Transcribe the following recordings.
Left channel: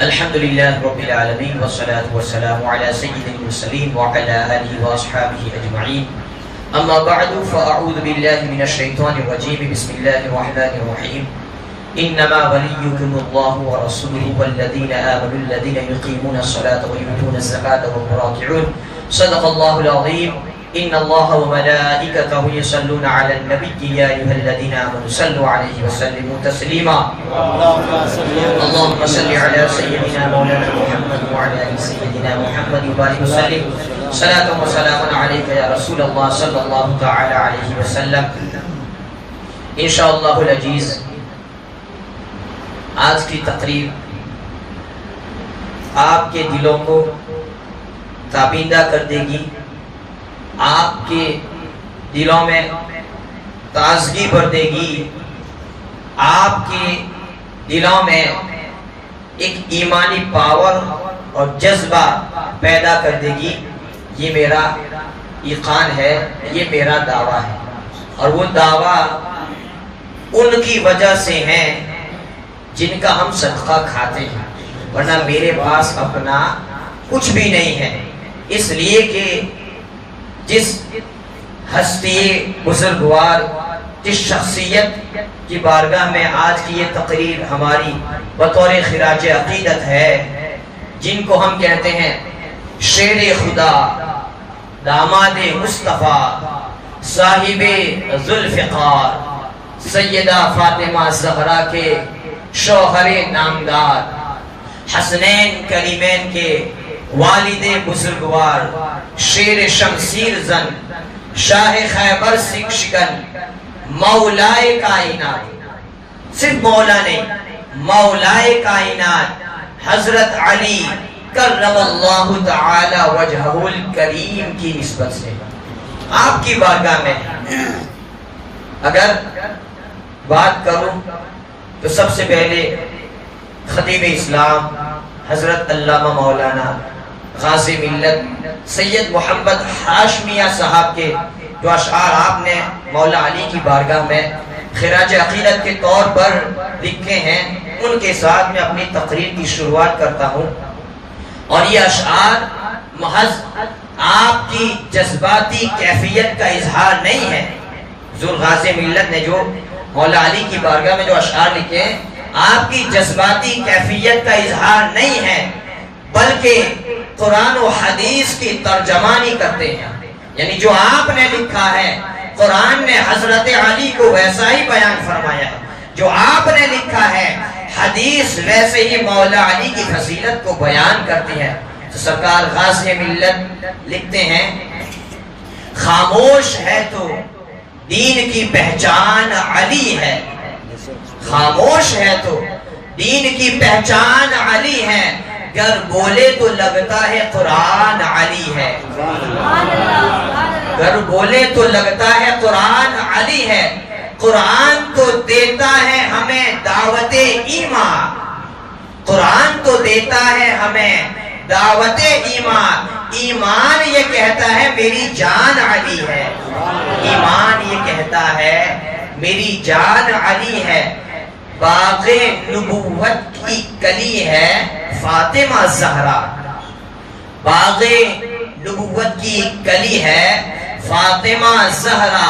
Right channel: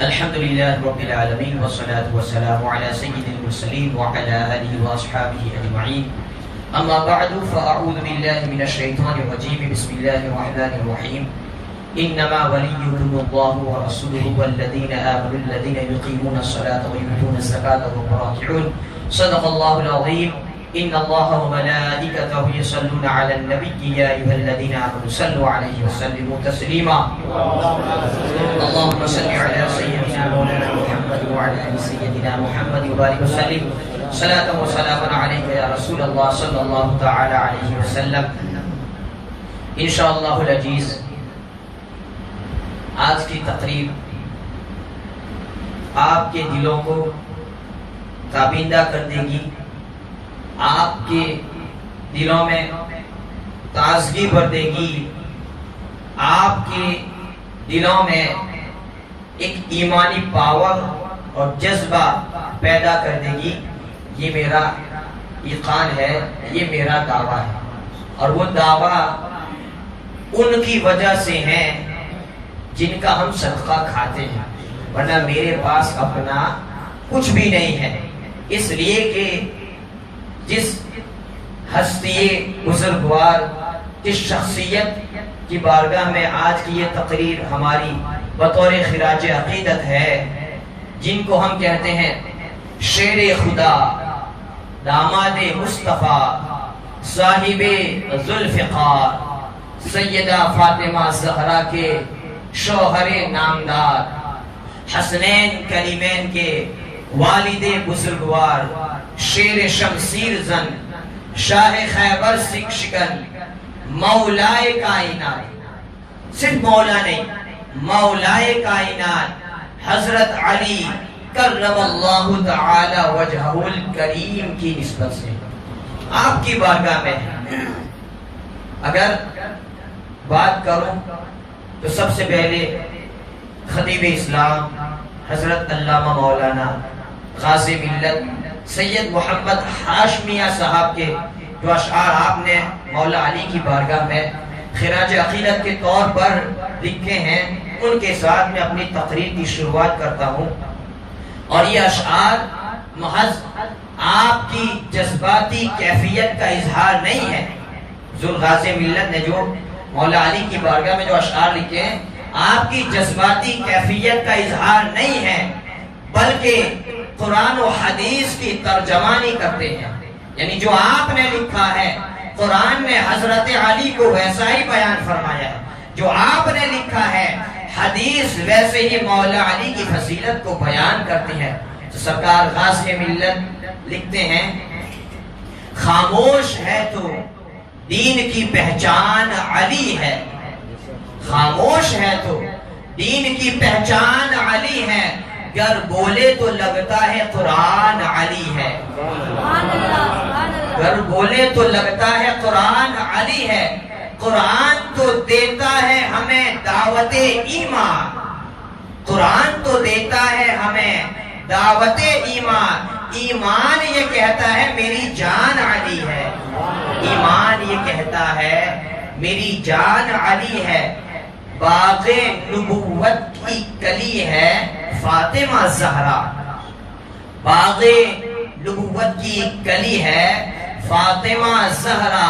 الحمد لله رب العالمين والصلاة والسلام على سيد المرسلين وعلى آله وأصحابه أجمعين أما بعد فأعوذ بالله من الشيطان الرجيم بسم الله الرحمن الرحيم إنما وليكم الله ورسوله والذين آمنوا الذين يقيمون الصلاة ويؤتون الزكاة وهم راكعون صدق الله العظيم إن الله وملائكته يصلون على النبي يا أيها الذين آمنوا صلوا عليه وسلموا تسليما اللهم صل على سيدنا مولانا محمد وعلى آل سيدنا محمد وبارك وسلم صلاة وسلاما عليك يا رسول الله صلى الله تعالى عليه وسلم انشاءاللہ العزیز آج کی تقریب آپ کے دلوں کو تابندہ کر دے گی، آپ کے دلوں میں تازگی بھر دے گی، آپ کے دلوں میں ایک ایمانی پاور اور جذبہ پیدا کر دے گی۔ یہ میرا ایقان ہے، یہ میرا دعویٰ ہے، اور وہ دعویٰ ان کی وجہ سے ہے جن کا ہم صدقہ کھاتے ہیں، ورنہ میرے پاس اپنا کچھ بھی نہیں ہے۔ اس لیے کہ جس ہستی بزرگوار، جس شخصیت کی بارگاہ میں آج کی یہ تقریر ہماری بطور خراج عقیدت ہے، جن کو ہم کہتے ہیں شیر خدا، داماد مصطفیٰ، صاحب ذوالفقار، سیدہ فاطمہ زہرا کے شوہر نامدار، حسنین کریمین کے والد بزرگوار، شیر شمشیر زن، شاہ خیبر سکھ شکن، مولائے کائنات، صرف مولا نہیں، مولائے کائنات حضرت علی کرم اللہ تعالی وجہہ الکریم کی نسبت سے آپ کی بارگاہ میں اگر بات کروں تو سب سے پہلے خطیب اسلام حضرت علامہ مولانا غازی ملت سید محمد ہاشمیہ صاحب کے جو اشعار آپ نے مولا علی کی بارگاہ میں خراج عقیدت کے طور پر لکھے ہیں، ان کے ساتھ میں اپنی تقریر کی شروعات کرتا ہوں۔ اور یہ اشعار محض آپ کی جذباتی کیفیت کا اظہار نہیں ہے۔ ذو غازی ملت نے جو مولا علی کی بارگاہ میں جو اشعار لکھے ہیں، آپ کی جذباتی کیفیت کا اظہار نہیں ہے، بلکہ قرآن و حدیث کی ترجمانی کرتے ہیں۔ یعنی جو آپ نے لکھا ہے، قرآن نے حضرت علی کو ویسا ہی بیان فرمایا ہے، جو آپ نے لکھا ہے حدیث ویسے ہی مولا علی کی فضیلت کو بیان کرتی ہے۔ تو سرکار غازی ملت لکھتے ہیں، خاموش ہے تو دین کی پہچان علی ہے، خاموش ہے تو دین کی پہچان علی ہے، گر بولے تو لگتا ہے قرآن علی ہے، گر بولے تو لگتا ہے قرآن علی ہے۔ قرآن تو دیتا ہے ہمیں دعوت ایمان، قرآن تو دیتا ہے ہمیں دعوت ایمان، ایمان یہ کہتا ہے میری جان علی ہے، ایمان یہ کہتا ہے میری جان علی ہے۔ باغ نبوت کی کلی ہے فاطمہ زہرا، باغ نبوت کی کلی ہے فاطمہ زہرا،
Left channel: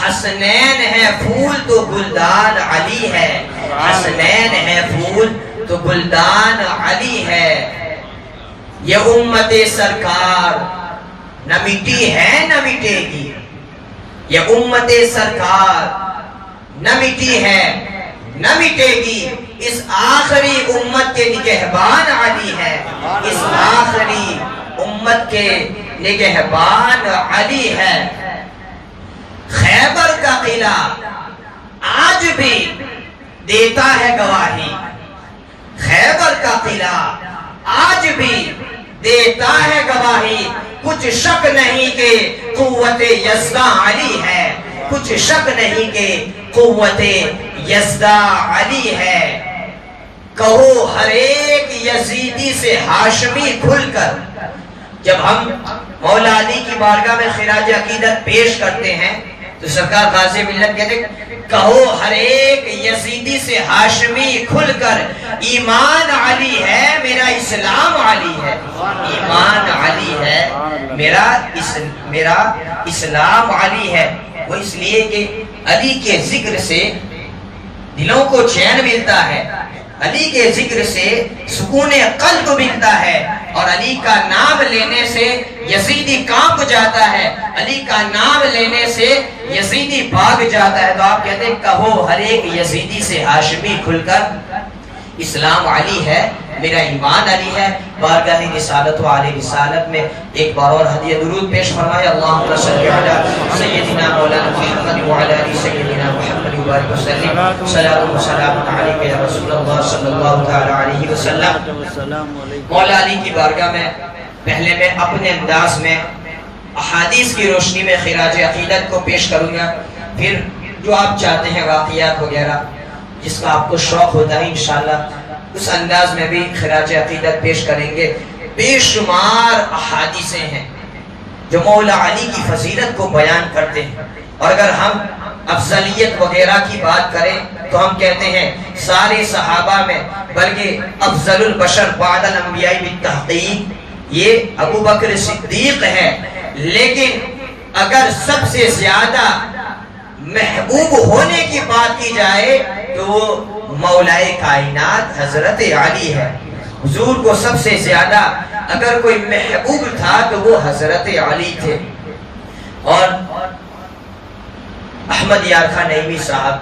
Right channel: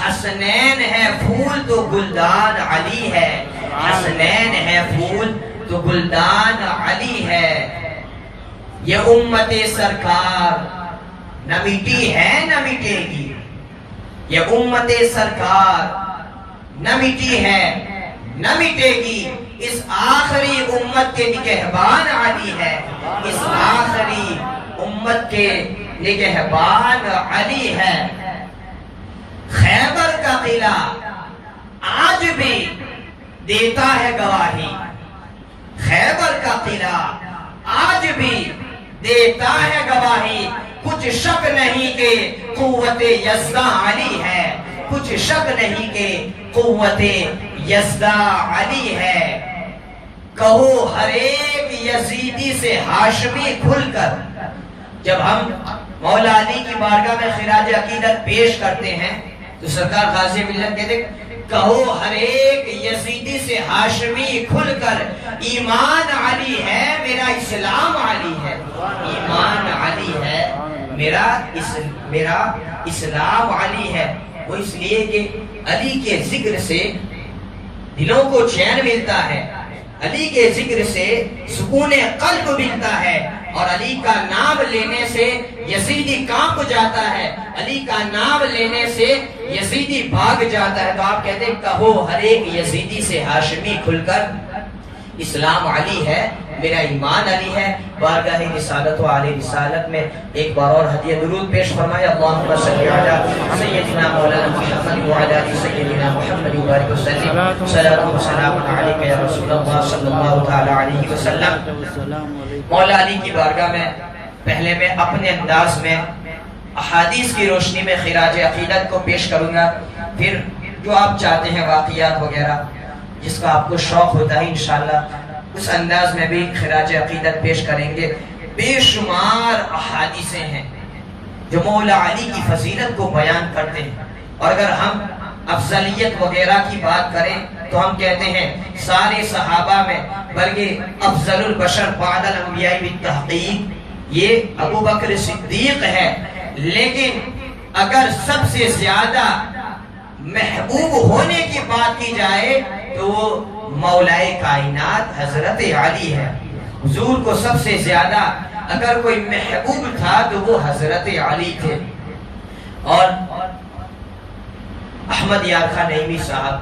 حسنین ہے پھول تو گلدان علی ہے، حسنین ہے پھول تو گلدان علی ہے۔ یہ امت سرکار نہ مٹی ہے نہ مٹے گی، یہ امت سرکار نہ مٹی ہے نہ مٹے گی، اس آخری امت کے نگہبان علی ہے، اس آخری امت کے نگہبان علی ہے۔ خیبر کا قلعہ آج بھی دیتا ہے گواہی، خیبر کا قلعہ آج بھی دیتا ہے گواہی، کچھ شک نہیں کہ قوت یزدہ علی ہے، کچھ شک نہیں کہ قوت یزدہ علی ہے۔ کہو ہر ایک یزیدی سے ہاشمی کھل کر، جب ہم مولا علی کی بارگاہ میں خراج عقیدت پیش کرتے ہیں تو سرکار غازی ملت کہتے ہیں کہو ہر ایک یزیدی سے ہاشمی کھل کر، ایمان علی ہے میرا اسلام علی ہے، ایمان علی ہے میرا اسلام علی ہے۔ وہ اس لیے کہ علی کے ذکر سے دلوں کو چین ملتا ہے، علی کے ذکر سے سکون قلب ملتا ہے، اور علی کا نام لینے سے یزیدی کانپ جاتا ہے، علی کا نام لینے سے یزیدی بھاگ جاتا ہے۔ تو آپ کہتے ہیں کہو ہر ایک یزیدی سے ہاشمی کھل کر، اسلام علی ہے میرا ایمان علی ہے۔ بارگاہ رسالت و علی رسالت میں ایک بار اور ہدیہ درود پیش فرمائے۔ اللہم صلی علی سیدنا مولانا محمد وعلی آل سیدنا محمد وبارک وسلم۔ صلاۃ و سلام علیک یا رسول اللہ صلی اللہ تعالی علیہ وسلم۔ مولا علی کی بارگاہ میں پہلے میں اپنے انداز میں احادیث کی روشنی میں خراج عقیدت کو پیش کروں گا، پھر جو آپ چاہتے ہیں واقعات وغیرہ جس کا آپ کو شوق ہوتا ہے انشاءاللہ اس انداز میں بھی خراج عقیدت پیش کریں گے۔ بے شمار احادیثیں ہیں جو مولا علی کی فضیلت کو بیان کرتے ہیں، اور اگر ہم افضلیت وغیرہ کی بات کریں تو ہم کہتے ہیں سارے صحابہ میں بلکہ افضل البشر بعد الانبیاء بالتحقیق یہ ابو بکر صدیق ہے، لیکن اگر سب سے زیادہ محبوب ہونے کی بات کی جائے تو مولا کائنات حضرت علی ہے۔ حضور کو سب سے زیادہ اگر کوئی محبوب تھا تو وہ حضرت علی تھے۔ اور احمد یار خان نعیمی صاحب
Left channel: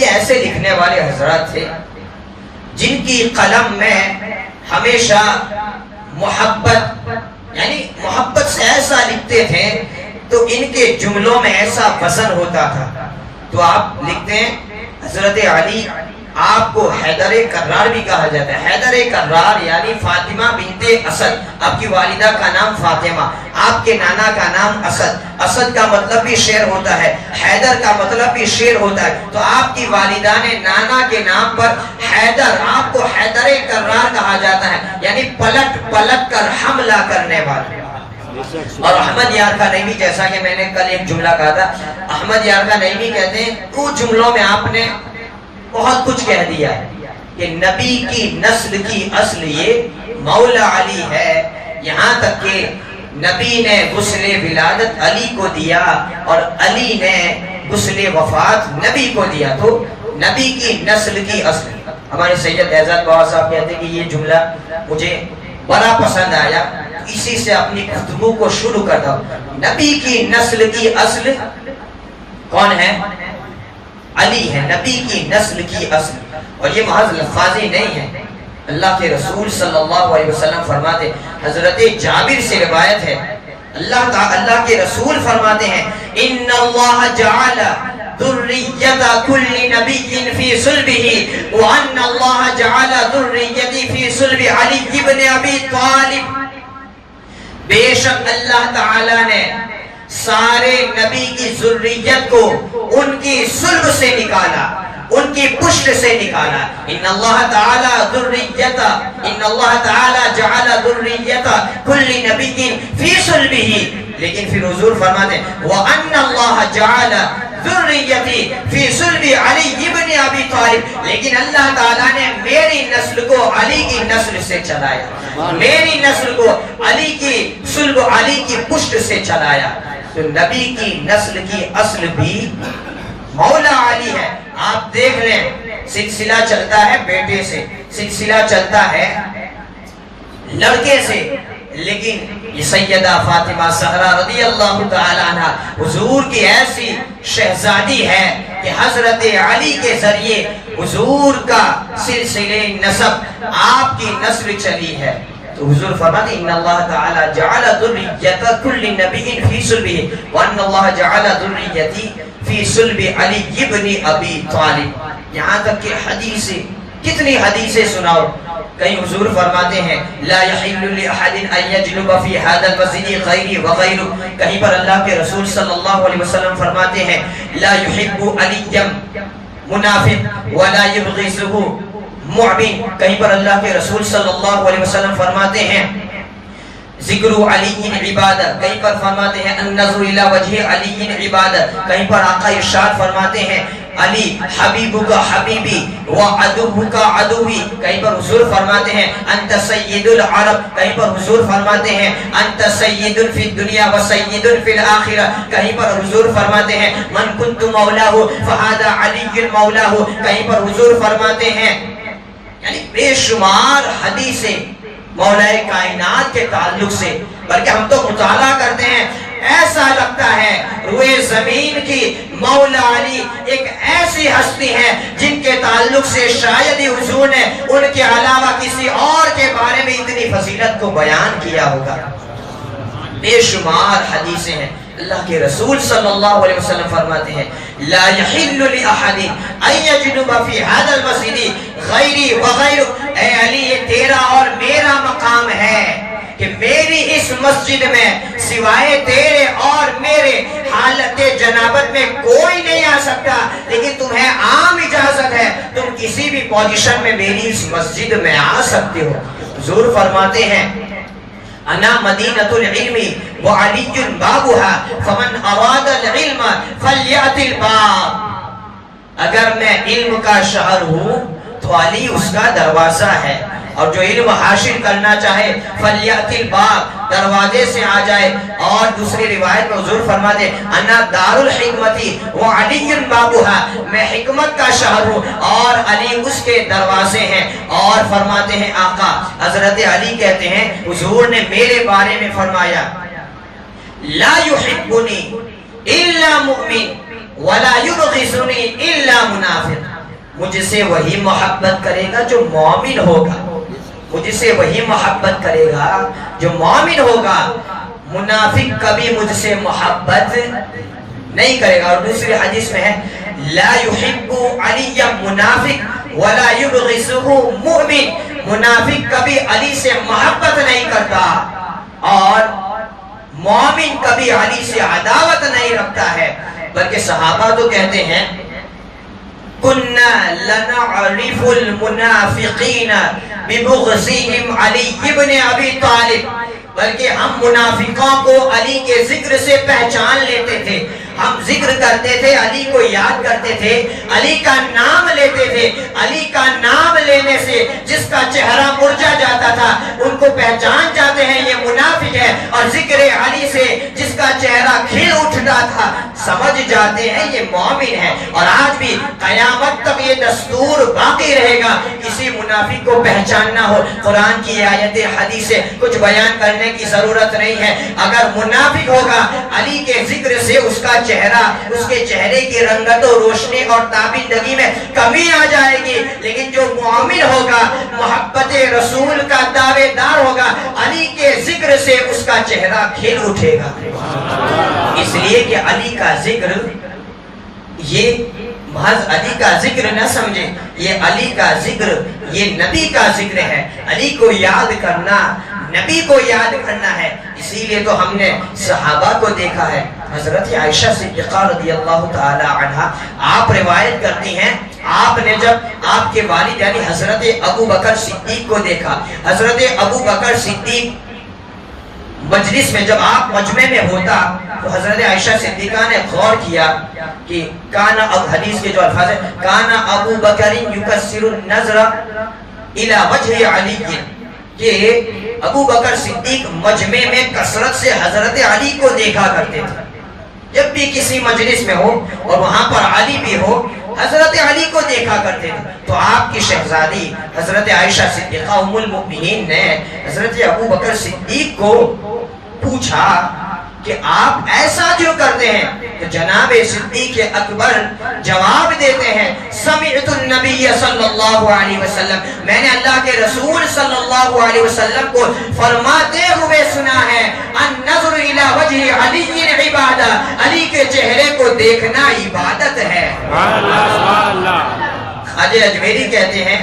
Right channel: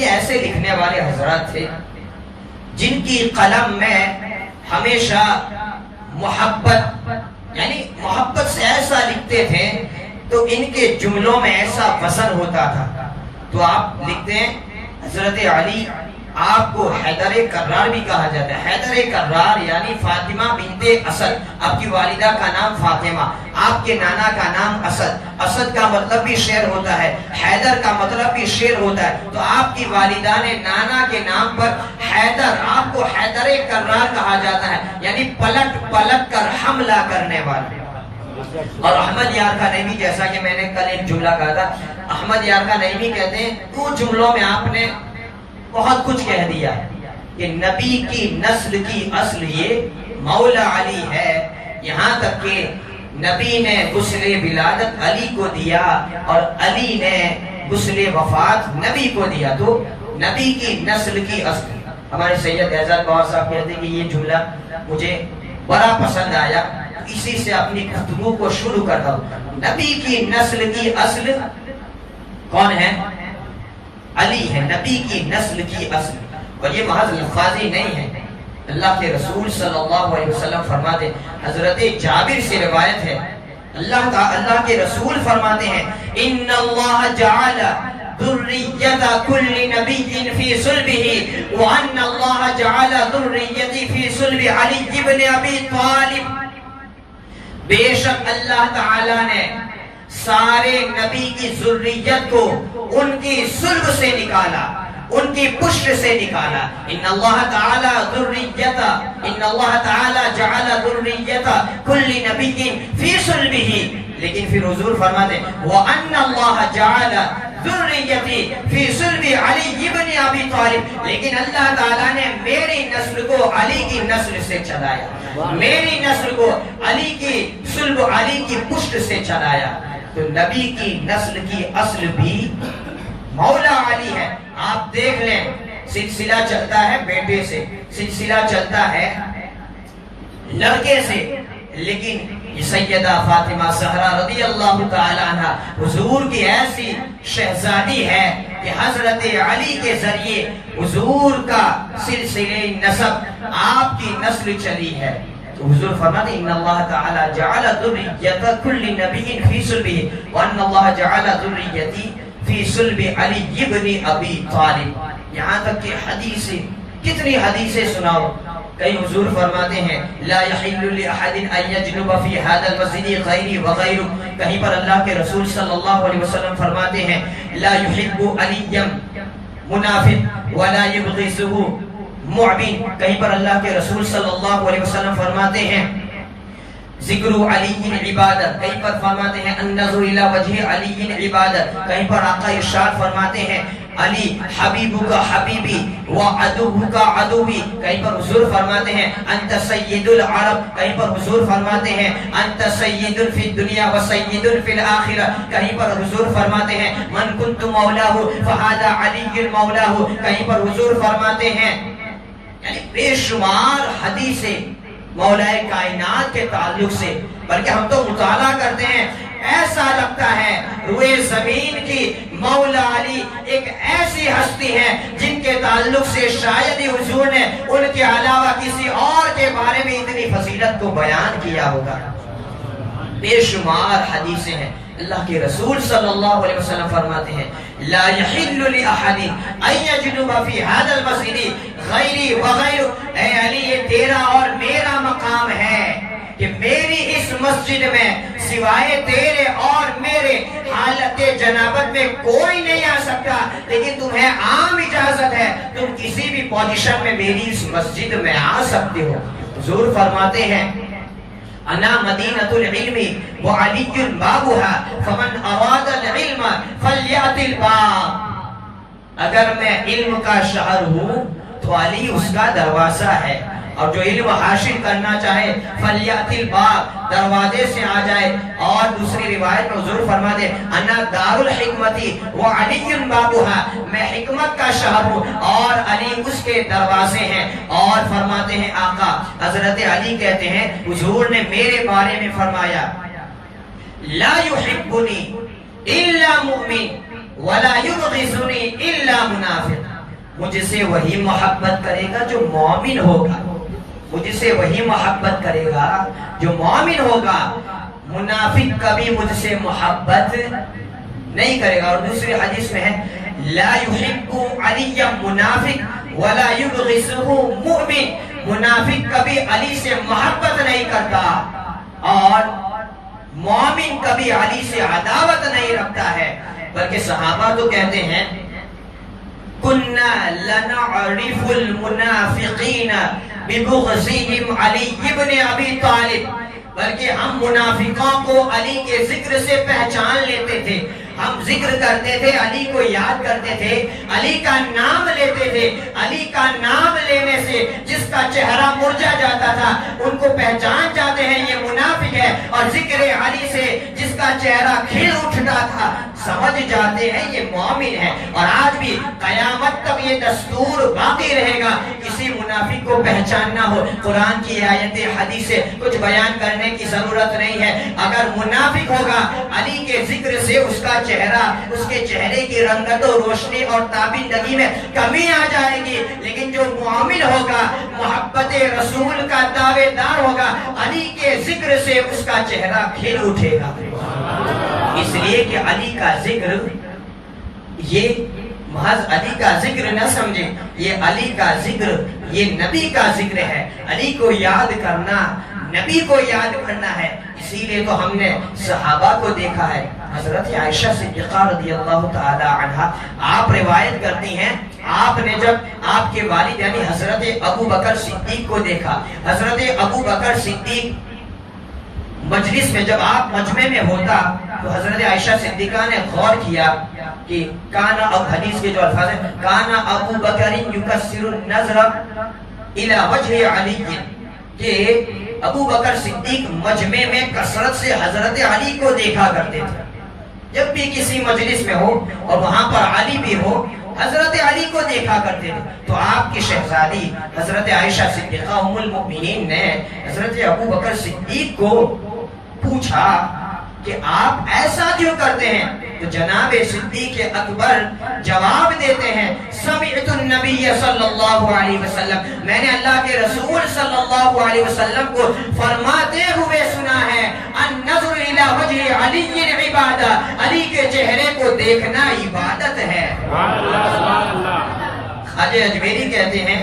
یہ ایسے لکھنے والے حضرات تھے جن کی قلم میں ہمیشہ محبت، یعنی محبت سے ایسا لکھتے تھے تو ان کے جملوں میں ایسا وزن ہوتا تھا۔ تو آپ لکھتے ہیں حضرت علی آپ کو حیدر کرار بھی کہا جاتا ہے۔ حیدر کرار یعنی فاطمہ بنت اسد، آپ کی والدہ کا نام فاطمہ، آپ کے نانا کا نام اسد، اسد کا مطلب بھی شیر ہوتا ہے، حیدر کا مطلب بھی شیر ہوتا ہے۔ تو آپ کی والدہ نے نانا کے نام پر حیدر، آپ کو حیدر کرار کہا جاتا ہے، یعنی پلٹ پلٹ کر حملہ کرنے والے۔ اور احمد یار خان نعیمی، جیسا کہ میں نے کل ایک جملہ کہا تھا، احمد یار خان نعیمی کہتے ہیں کچھ جملوں میں آپ نے بہت کچھ کہہ دیا کہ نبی کی نسل کی اصل یہ مولا علی ہے، یہاں تک کہ نبی نے غسل ولادت علی کو دیا اور علی نے غسل وفات نبی کو دیا۔ تو نبی کی نسل کی اصل، ہمارے سید اعزاز بابا صاحب کہتے ہیں کہ یہ جملہ مجھے بڑا پسند آیا، اسی سے اپنی گفتگو کو شروع کرتا ہوں۔ نبی کی نسل کی اصل کون ہے؟ علی ہے، نبی کی نسل کی اصل۔ اور یہ محض لفاظی نہیں ہے، اللہ کے رسول صلی اللہ علیہ وسلم فرماتے، حضرت جابر سے روایت ہے، اللہ کے رسول فرماتے ہیں ان اللہ جعل ذریت کل نبی فی صلبہ وان اللہ جعل ذریتی فی صلب علی ابن ابی طالب۔ بے شک اللہ تعالی نے سارے نبی کی ذریت کو ان کی صلب سے نکالا، ان کی پشت سے نکالا۔ ان اللہ تعالی جعل ذریت کل نبی فی صلبہ، لیکن پھر حضور فرماتے ہیں وَأَنَّ اللَّهَ جَعَلَ ذُرِّيَّتِي فِي صُلْبِ عَلِيِّ ابْنِ أَبِي طَالِبٍ، لیکن اللہ تعالیٰ نے میری نسل کو علی کی نسل سے چلایا، میری نسل کو علی کی صلب، علی کی پشت سے چلایا۔ تو نبی کی نسل کی اصل بھی مولا علی ہے۔ آپ دیکھ لیں سلسلہ چلتا ہے بیٹے سے، سلسلہ چلتا ہے لڑکے سے، لیکن یہ سیدہ فاطمہ زہرا رضی اللہ تعالی عنہ حضور کی ایسی شہزادی ہے کہ حضرت علی کے ذریعے حضور کا سلسلہ نسب، آپ کی نسل چلی ہے۔ تو حضور فرماتے ان اللہ تعالی جعل ذریت کل نبی فی صلبہ وان اللہ جعل ذریتی فی صلب علی ابن ابی طالب۔ یہاں تک کہ حدیثیں، کتنی حدیثیں سناؤ، کئی حضور فرماتے ہیں لا یحل لأحد ان یجنب فی هذا المسجد غیری وغیرہ، کہیں پر اللہ کے رسول صلی اللہ علیہ وسلم فرماتے ہیں لا یحب علی منافق ولا یبغضه معبن، کہیں پر اللہ کے رسول صلی اللہ علیہ وسلم فرماتے ہیں ذکر علی عبادت، کہیں پر فرماتے ہیں النظر الی وجہ علی عبادت، کہیں پر آقا ارشاد فرماتے ہیں علی حبیبک حبیبی و عدوک عدوی، کہیں پر حضور فرماتے ہیں انت سید العرب، کہیں پر حضور فرماتے ہیں انت سید فی الدنیا و سید فی الاخرہ، کہیں پر حضور فرماتے ہیں من کنت مولاہ فہذا علی المولاہ، کہیں پر حضور فرماتے ہیں، یعنی بے شمار حدیثیں مولا کائنات کے تعلق سے، بلکہ ہم تو مطالعہ کرتے ہیں ایسا لگتا ہے روئے زمین کی مولا علی ایک ایسی ہستی ہے جن کے تعلق سے شاید ہی حضور نے ان کے علاوہ کسی اور کے بارے میں اتنی فضیلت کو بیان کیا ہوگا۔ بے شمار حدیثیں ہیں، اللہ کے رسول صلی اللہ علیہ وسلم فرماتے ہیں لا يحل لأحد ان يجنب في هذا المسجد غیری وغیر، اے علی یہ تیرا اور میرا مقام ہے کہ میری اس مسجد میں سوائے تیرے اور میرے حالت جنابت میں کوئی نہیں آ سکتا، لیکن تمہیں عام اجازت ہے، تم کسی بھی پوزیشن میں میری اس مسجد میں آ سکتے ہو۔ حضور فرماتے ہیں انا مدینۃ العلم وعلی بابها فمن اراد العلم فلیأت الباب، اگر میں علم کا شہر ہوں تو علی اس کا دروازہ ہے، اور جو علم حاصل کرنا چاہے فلیأت الباب، دروازے سے آ جائے۔ اور دوسری روایت میں حضور فرماتے انا دار الحکمتی وعلی بابها، میں حکمت کا شہر ہوں اور علی اس کے دروازے ہیں۔ اور فرماتے ہیں آقا حضرت علی کہتے ہیں حضور نے میرے بارے میں فرمایا لا يحبنی الا مؤمن ولا یبغضنی الا منافق، مجھ سے وہی محبت کرے گا جو مومن ہوگا، مجھ سے وہی محبت کرے گا جو مومن ہوگا، منافق کبھی مجھ سے محبت نہیں کرے گا۔ اور دوسری حدیث میں ہے لا يحب علی منافق ولا یبغضہ مؤمن، منافق کبھی علی سے محبت نہیں کرتا اور مومن کبھی علی سے عداوت نہیں رکھتا ہے۔ بلکہ صحابہ تو کہتے ہیں کنا لنعرف المنافقین ببغضهم علی ابن ابی طالب، بلکہ ہم منافقوں کو علی کے ذکر سے پہچان لیتے تھے، ہم ذکر کرتے تھے، علی کو یاد کرتے تھے، علی کا نام لیتے تھے، علی کا نام لینے سے جس کا چہرہ مرجھا جاتا تھا ان کو پہچان جاتے ہیں یہ منافق ہے، اور ذکر علی سے جس کا چہرہ کھل اٹھتا تھا سمجھ جاتے ہیں یہ مومن ہے۔ اور آج بھی قیامت تک یہ دستور باقی رہے گا، کسی منافق کو پہچاننا ہو قرآن کی آیت حدیث سے کچھ بیان کرنے کی ضرورت نہیں ہے، اگر منافق ہوگا علی کے ذکر سے اس کا چہرہ، اس کے چہرے کی رنگت و روشنی اور تابندگی میں کمی آ جائے گی، لیکن جو مومن ہوگا محبت رسول کا دعوے دار ہوگا علی کے ذکر سے اس کا چہرہ کھل اٹھے گا۔ اس لیے کہ علی کا ذکر یہ محض علی کا ذکر نہ سمجھیں، یہ علی کا ذکر یہ نبی کا ذکر ہے، علی کو یاد کرنا نبی کو یاد کرنا ہے۔ اسی لیے تو ہم نے صحابہ کو دیکھا ہے، حضرت عائشہ صدیقہ رضی اللہ تعالی عنہا آپ روایت کرتی ہیں آپ نے جب آپ کے والد یعنی حضرت ابو بکر صدیق کو دیکھا، حضرت ابو بکر صدیق مجلس میں جب آپ مجمع میں ہوتا تو حضرت عائشہ صدیقہ نے غور کیا کہ کانا، اب حدیث کے جو الفاظ ہیں کانا ابو بکر یکسر النظر الی وجہ علی، کہ ابو بکر صدیق مجمع میں کثرت سے حضرت علی کو دیکھا کرتے تھے، جب بھی کسی مجلس میں ہو اور وہاں پر علی بھی ہو حضرت علی کو دیکھا کرتے تھے۔ تو آپ کی شہزادی حضرت عائشہ صدیقہ ام المؤمنین نے حضرت ابو بکر صدیق کو پوچھا کہ آپ ایسا کیوں کرتے ہیں؟ تو جناب صدیق اکبر جواب دیتے ہیں سمعت النبی صلی اللہ علیہ وسلم، میں نے اللہ کے رسول صلی اللہ علیہ وسلم کو فرماتے ہوئے سنا ہے النظر الی وجہ علی عبادہ، علی کے چہرے کو دیکھنا عبادت ہے۔ خواجہ اجمیری کہتے ہیں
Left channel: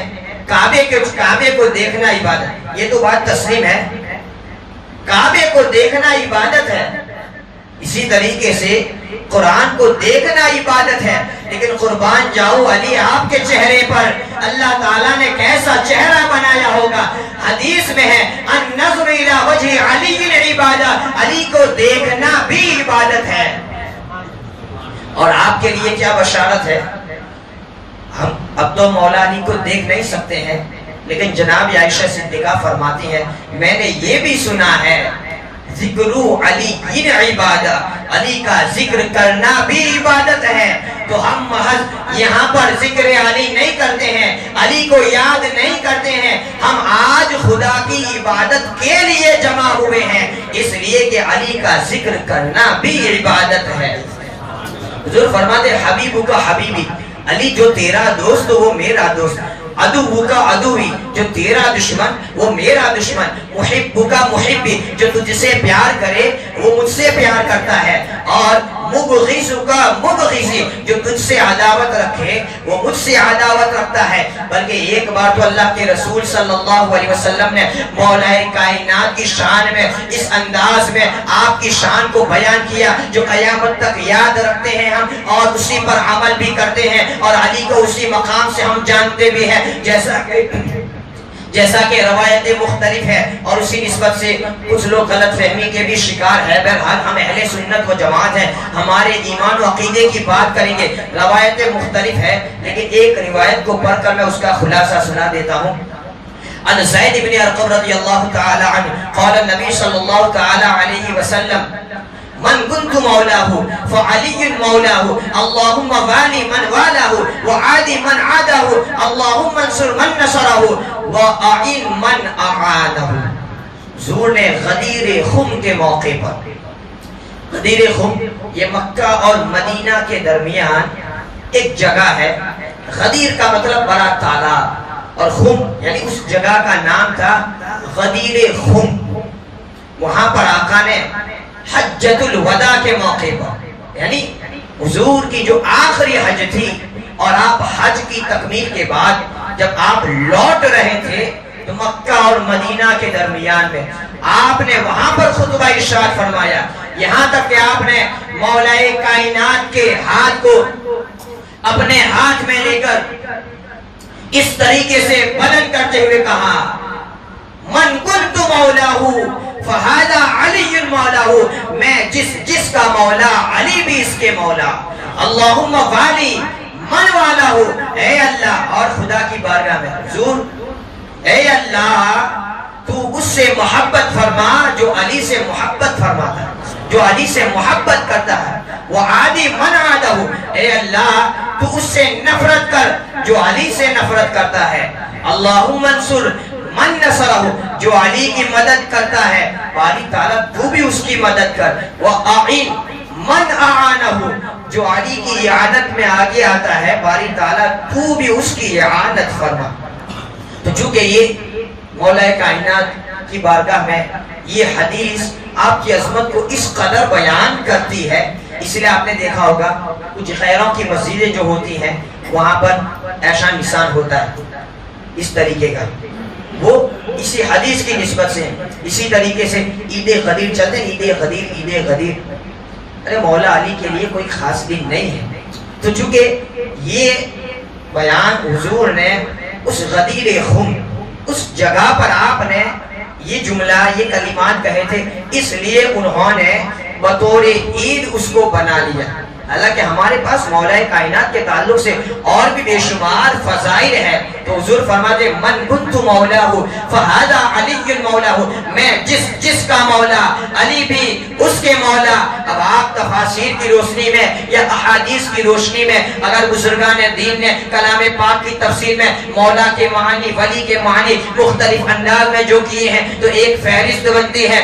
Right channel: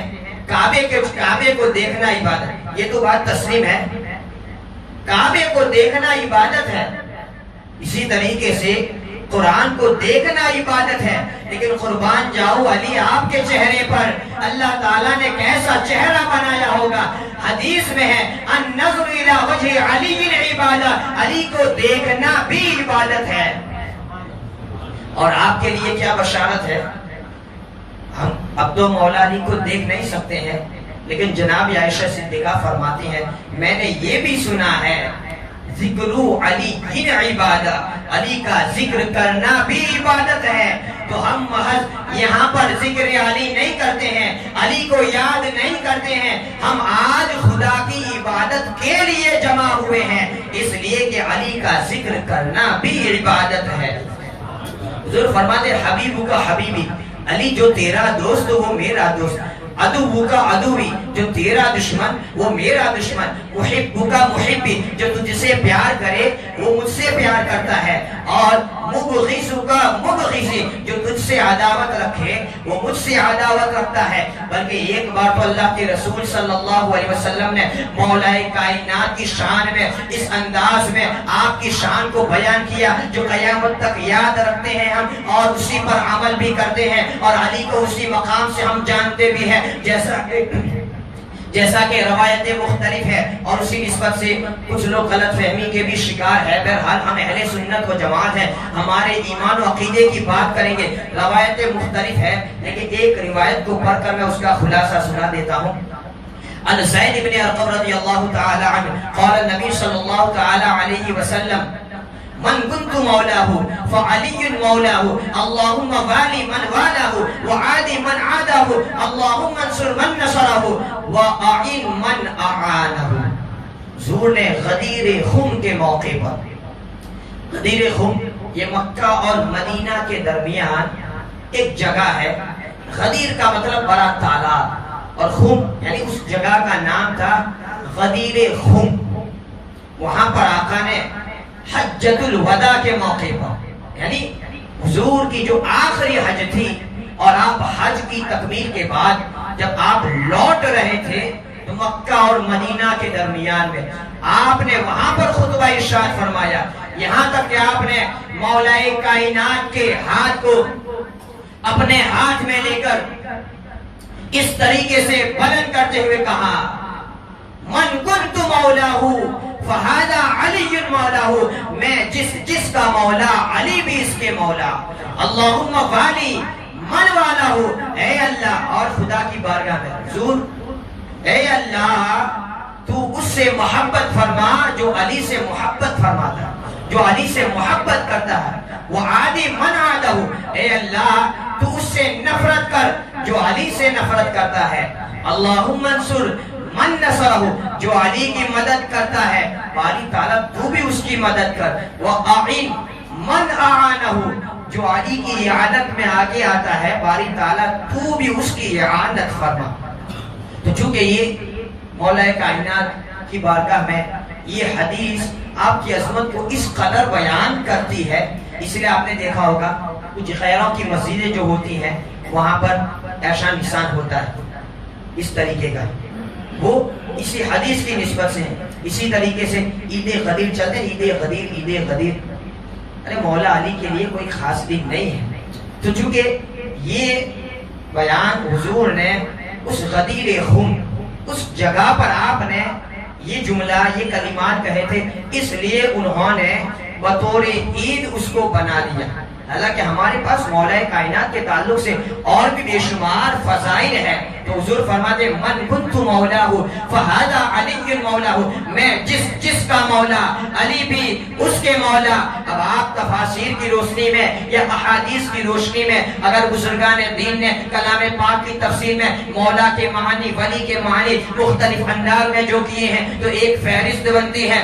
کعبے کو دیکھنا عبادت، یہ تو بات تسلیم ہے، کعبے کو دیکھنا عبادت ہے۔ اسی طریقے سے قرآن کو دیکھنا عبادت ہے، لیکن قربان جاؤ علی آپ کے چہرے پر اللہ تعالیٰ نے کیسا چہرہ بنایا ہوگا۔ حدیث میں ہے النظر الی وجہ علی عبادہ، علی کو دیکھنا بھی عبادت ہے۔ اور آپ کے لیے کیا بشارت ہے، ہم اب تو مولا علی کو دیکھ نہیں سکتے ہیں، لیکن جناب عائشہ صدیقہ فرماتی ہیں میں نے یہ بھی سنا ہے ذکرو علی ان عبادت، علی کا ذکر کرنا بھی عبادت ہے۔ تو ہم محض یہاں پر ذکر علی نہیں کرتے ہیں، علی کو یاد نہیں کرتے ہیں، ہم آج خدا کی عبادت کے لیے جمع ہوئے ہیں، اس لیے کہ علی کا ذکر کرنا بھی عبادت ہے۔ حضور فرماتے حبیبو کا حبیبی، علی جو تیرا دوست وہ میرا دوست، عدو کا عدوی جو تیرا دشمن وہ میرا دشمن، محب کا محبی جو تجھ سے پیار کرے وہ مجھ سے پیار کرتا ہے، اور مبغض کا مبغضی جو تجھ سے عداوت رکھے وہ مجھ سے عداوت رکھتا ہے۔ بلکہ ایک بار تو اللہ کے رسول صلی اللہ علیہ وسلم نے مولا کائنات کی شان میں اس انداز میں آپ کی شان کو بیان کیا جو قیامت تک یاد رکھتے ہیں ہم، اور اسی پر عمل بھی کرتے ہیں، اور علی کو اسی مقام سے ہم جانتے بھی ہیں، جیسا کہ روایتیں مختلف ہے، اور اسی نسبت سے کچھ لوگ غلط فہمی کے بھی شکار ہے۔ بہرحال ہم اہل سنت و جماعت ہیں، ہمارے ایمان و عقیدے کی بات کریں گے، روایتیں مختلف ہے، لیکن ایک روایت کو پڑھ کر میں اس کا خلاصہ سنا دیتا ہوں۔ عن زید بن ارقم رضی اللہ تعالی عنہ قال النبی صلی اللہ تعالی علیہ وسلم من كنت مولاه فعلي مولاه اللهم والي من والاه وعادي من عاده اللهم انصر من نصره واعن من اعانه۔ حضور نے غدیر خم کے موقع پر، غدیر خم یہ مکہ اور مدینہ کے درمیان ایک جگہ ہے، غدیر کا مطلب بڑا تالاب، اور خم یعنی اس جگہ کا نام تھا غدیر خم۔ وہاں پر آقا نے حجۃ الوداع کے موقع پر، یعنی حضور کی جو آخری حج تھی، اور آپ حج کی تکمیل کے بعد جب آپ لوٹ رہے تھے تو مکہ اور مدینہ کے درمیان میں آپ نے وہاں پر خطبہ ارشاد فرمایا، یہاں تک کہ آپ نے مولا کائنات کے ہاتھ کو اپنے ہاتھ میں لے کر اس طریقے سے بلند کرتے ہوئے کہا من کنت مولاہ فہذا علی مولاہ، میں جس کا مولا علی بھی اس کے مولا، اللہم والی من والاہ، اے اللہ، اور خدا کی بارگاہ میں حضور اے اللہ تو اس سے محبت فرما جو علی سے محبت فرماتا ہے، جو علی سے محبت کرتا ہے، وعادی من عادہ، اے اللہ تو اس سے نفرت کر جو علی سے نفرت کرتا ہے، اللہم انصر من نصرہ، جو علی کی مدد کرتا ہے، باری تعالیٰ تو بھی اس کی مدد کر، وَأَعِن من أَعَانَهُ، جو علی کی اعانت میں آگے آتا ہے، باری تعالیٰ تو بھی اس کی اعانت فرما۔ تو چونکہ یہ مولا کائنات کی بارگاہ میں یہ حدیث آپ کی عظمت کو اس قدر بیان کرتی ہے، اس لیے آپ نے دیکھا ہوگا کچھ خیروں کی مسجدیں جو ہوتی ہیں وہاں پر ایسا نشان ہوتا ہے اس طریقے کا، وہ اسی حدیث کی نسبت سے، اسی طریقے سے عید غدیر چلتے ہیں، عید غدیر عید غدیر، ارے مولا علی کے لیے کوئی خاص دن نہیں ہے۔ تو چونکہ یہ بیان حضور نے اس غدیر خم، اس جگہ پر آپ نے یہ جملہ یہ کلمات کہے تھے، اس لیے انہوں نے بطور عید اس کو بنا لیا۔ حالانکہ ہمارے پاس مولا کائنات کے تعلق سے اور بھی بے شمار فضائل ہے، تو حضور فرماتے من کنت مولاہ فہذا علی مولاہ، میں جس کا مولا علی بھی اس کے مولا۔ اب آپ تفاسیر کی روشنی میں یا احادیث کی روشنی میں اگر بزرگان دین نے کلام پاک کی تفسیر میں مولا کے معنی، ولی کے معنی مختلف انداز میں جو کیے ہیں تو ایک فہرست بنتی ہے۔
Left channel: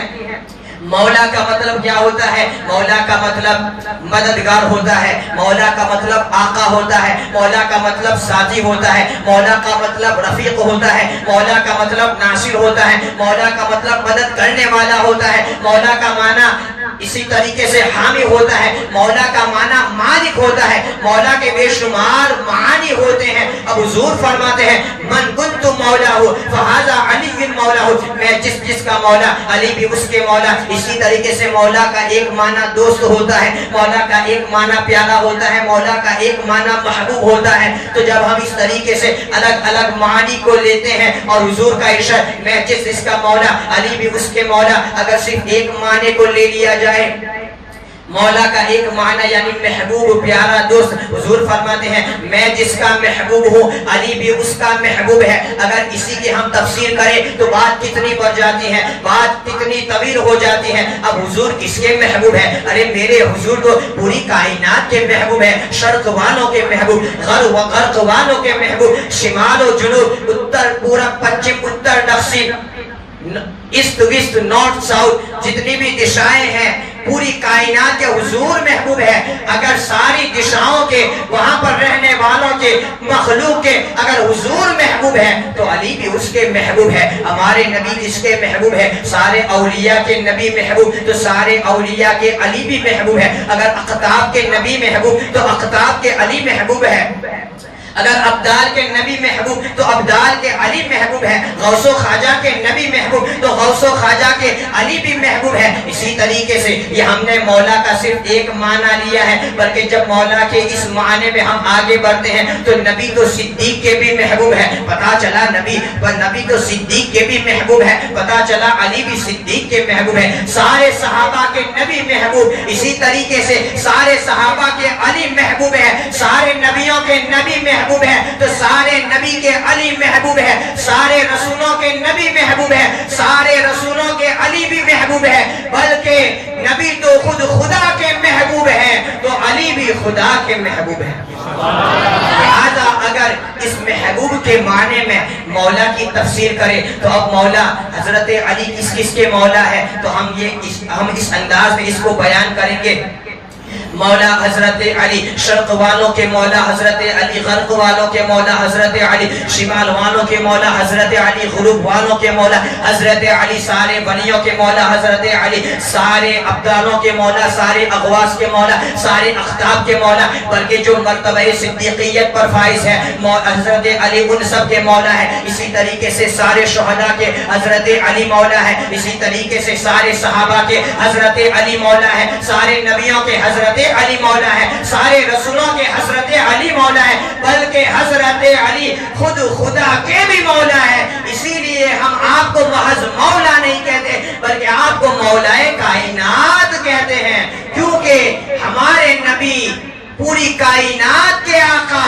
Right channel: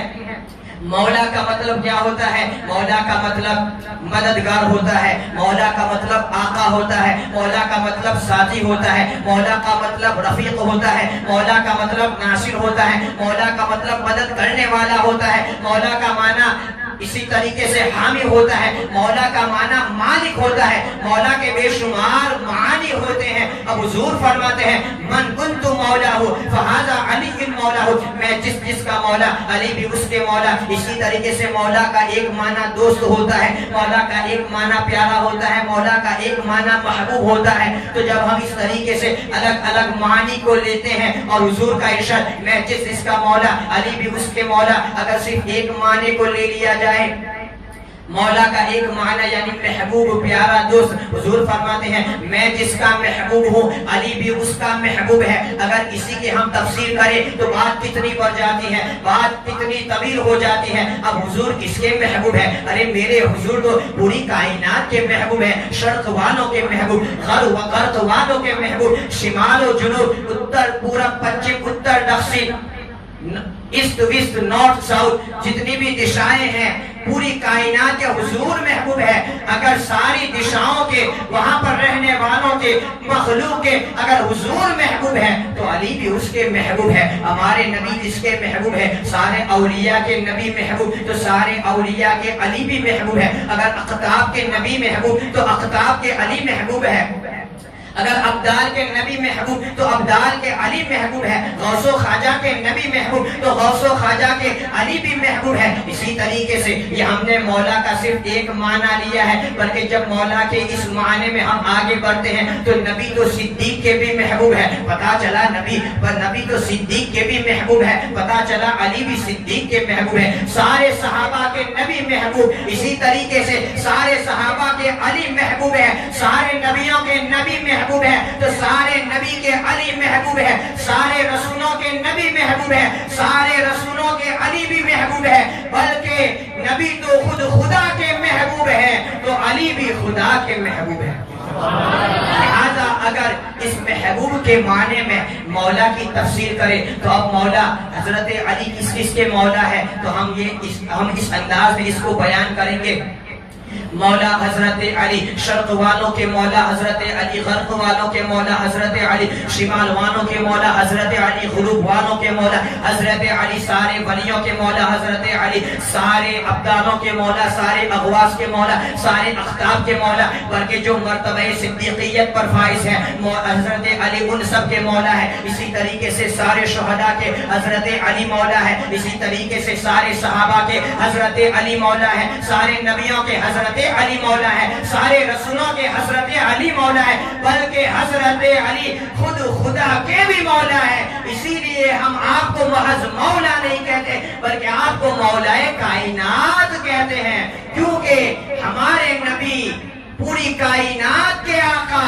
مولا کا مطلب کیا ہوتا ہے؟ مولا کا مطلب مددگار ہوتا ہے، مولا کا مطلب آقا ہوتا ہے، مولا کا مطلب ساتھی ہوتا ہے، مولا کا مطلب رفیق ہوتا ہے، مولا کا مطلب ناصر ہوتا ہے، مولا کا مطلب مدد کرنے والا ہوتا ہے، مولا کا معنی اسی طریقے سے حامی ہوتا ہے، مولا کا معنی مالک ہوتا ہے، مولا کے بے شمار معانی ہوتے ہیں۔ اب حضور فرماتے ہیں من کنت مولاہ فہذا علی مولاہ، میں جس کا مولا علی بھی اس کے مولا۔ اسی طریقے سے مولا کا ایک معنی دوست ہوتا ہے، مولا کا ایک معنی پیارا ہوتا ہے، مولا کا ایک معنی محبوب ہوتا ہے۔ تو جب ہم اس طریقے سے الگ الگ معانی کو لیتے ہیں اور حضور کا ارشاد میں جس کا مولا علی بھی اس کے مولا، اگر صرف ایک معنی کو لے لیا جائے مولا کا ایک معنی یعنی محبوب، پیارا دوست۔ حضور فرماتے ہیں میں جس کا محبوب ہوں علی بھی اس کا محبوب ہے۔ اگر اسی کی ہم تفسیر کریں تو بات کتنی بڑھ جاتی ہے، بات کتنی طویل ہو جاتی ہے۔ اب حضور کس کے محبوب ہے؟ ارے میرے حضور تو پوری کائنات کے محبوب ہے، شرق والوں کے محبوب، غرب والوں کے محبوب، شمال و جنوب، اتر پورب پچھم اتر دکشن، ایسٹ ویسٹ نارتھ ساؤتھ، جتنی بھی دشائیں ہیں پوری کائنات کے حضور محبوب ہے۔ اگر ساری دشاؤں کے وہاں پر رہنے والوں کے مخلوق کے اگر حضور محبوب ہے تو علی بھی اس کے محبوب ہے۔ ہمارے نبی جس کے محبوب ہے، سارے اولیاء کے نبی محبوب تو سارے اولیاء کے علی بھی محبوب ہے۔ اگر اقطاب کے نبی محبوب تو اقطاب کے علی محبوب ہے۔ اگر ابدال کے نبی محبوب تو ابدال کے علی محبوب ہے۔ غوث و خواجہ کے نبی محبوب تو غوث و خواجہ کے علی بھی محبوب ہے۔ اسی طریقے سے یہ ہم نے مولا کا صرف ایک معنی لیا ہے، بلکہ جب مولا کے اس معنی میں ہم آگے بڑھتے ہیں تو نبی تو صدیق کے بھی محبوب ہے، پتا چلا نبی تو صدیق کے بھی محبوب ہے، پتا چلا علی بھی صدیق کے محبوب ہے۔ سارے صحابہ کے نبی محبوب، اسی طریقے سے سارے صحابہ کے علی محبوب ہے۔ سارے نبیوں کے نبی محبوب ہے تو سارے نبی کے علی محبوب ہے۔ سارے رسولوں کے نبی محبوب ہے، سارے رسولوں کے علی بھی محبوب ہے۔ بلکہ نبی تو خود خدا کے محبوب ہے تو علی بھی خدا کے محبوب ہے۔ لہذا اگر اس محبوب کے معنی میں مولا کی تفسیر کریں تو اب مولا حضرت علی کس کے مولا ہے تو ہم اس انداز میں اس کو بیان کریں گے۔ مولا حضرت علی، شرق والوں کے مولا حضرت علی، غرب والوں کے مولا حضرت علی، شمال والوں کے مولا حضرت علی، غروب والوں کے مولا حضرت علی، سارے ولیوں کے مولا حضرت علی، سارے ابدالوں کے مولا، سارے اغواس کے مولا، سارے اختاب کے مولا، بلکہ جو مرتبہ صدیقیت پر فائز ہے حضرت علی ان سب کے مولا ہے۔ اسی طریقے سے سارے شہداء کے حضرت علی مولا ہے، اسی طریقے سے سارے صحابہ کے حضرت علی مولا ہے، سارے نبیوں کے حضرت علی مولا ہے، سارے رسولوں کے حضرت علی مولا ہے، بلکہ حضرت علی خود خدا کے بھی مولا ہے۔ اسی لیے ہم آپ کو محض مولا نہیں کہتے بلکہ آپ کو مولائے کائنات کہتے ہیں، کیونکہ ہمارے نبی پوری کائنات کے آقا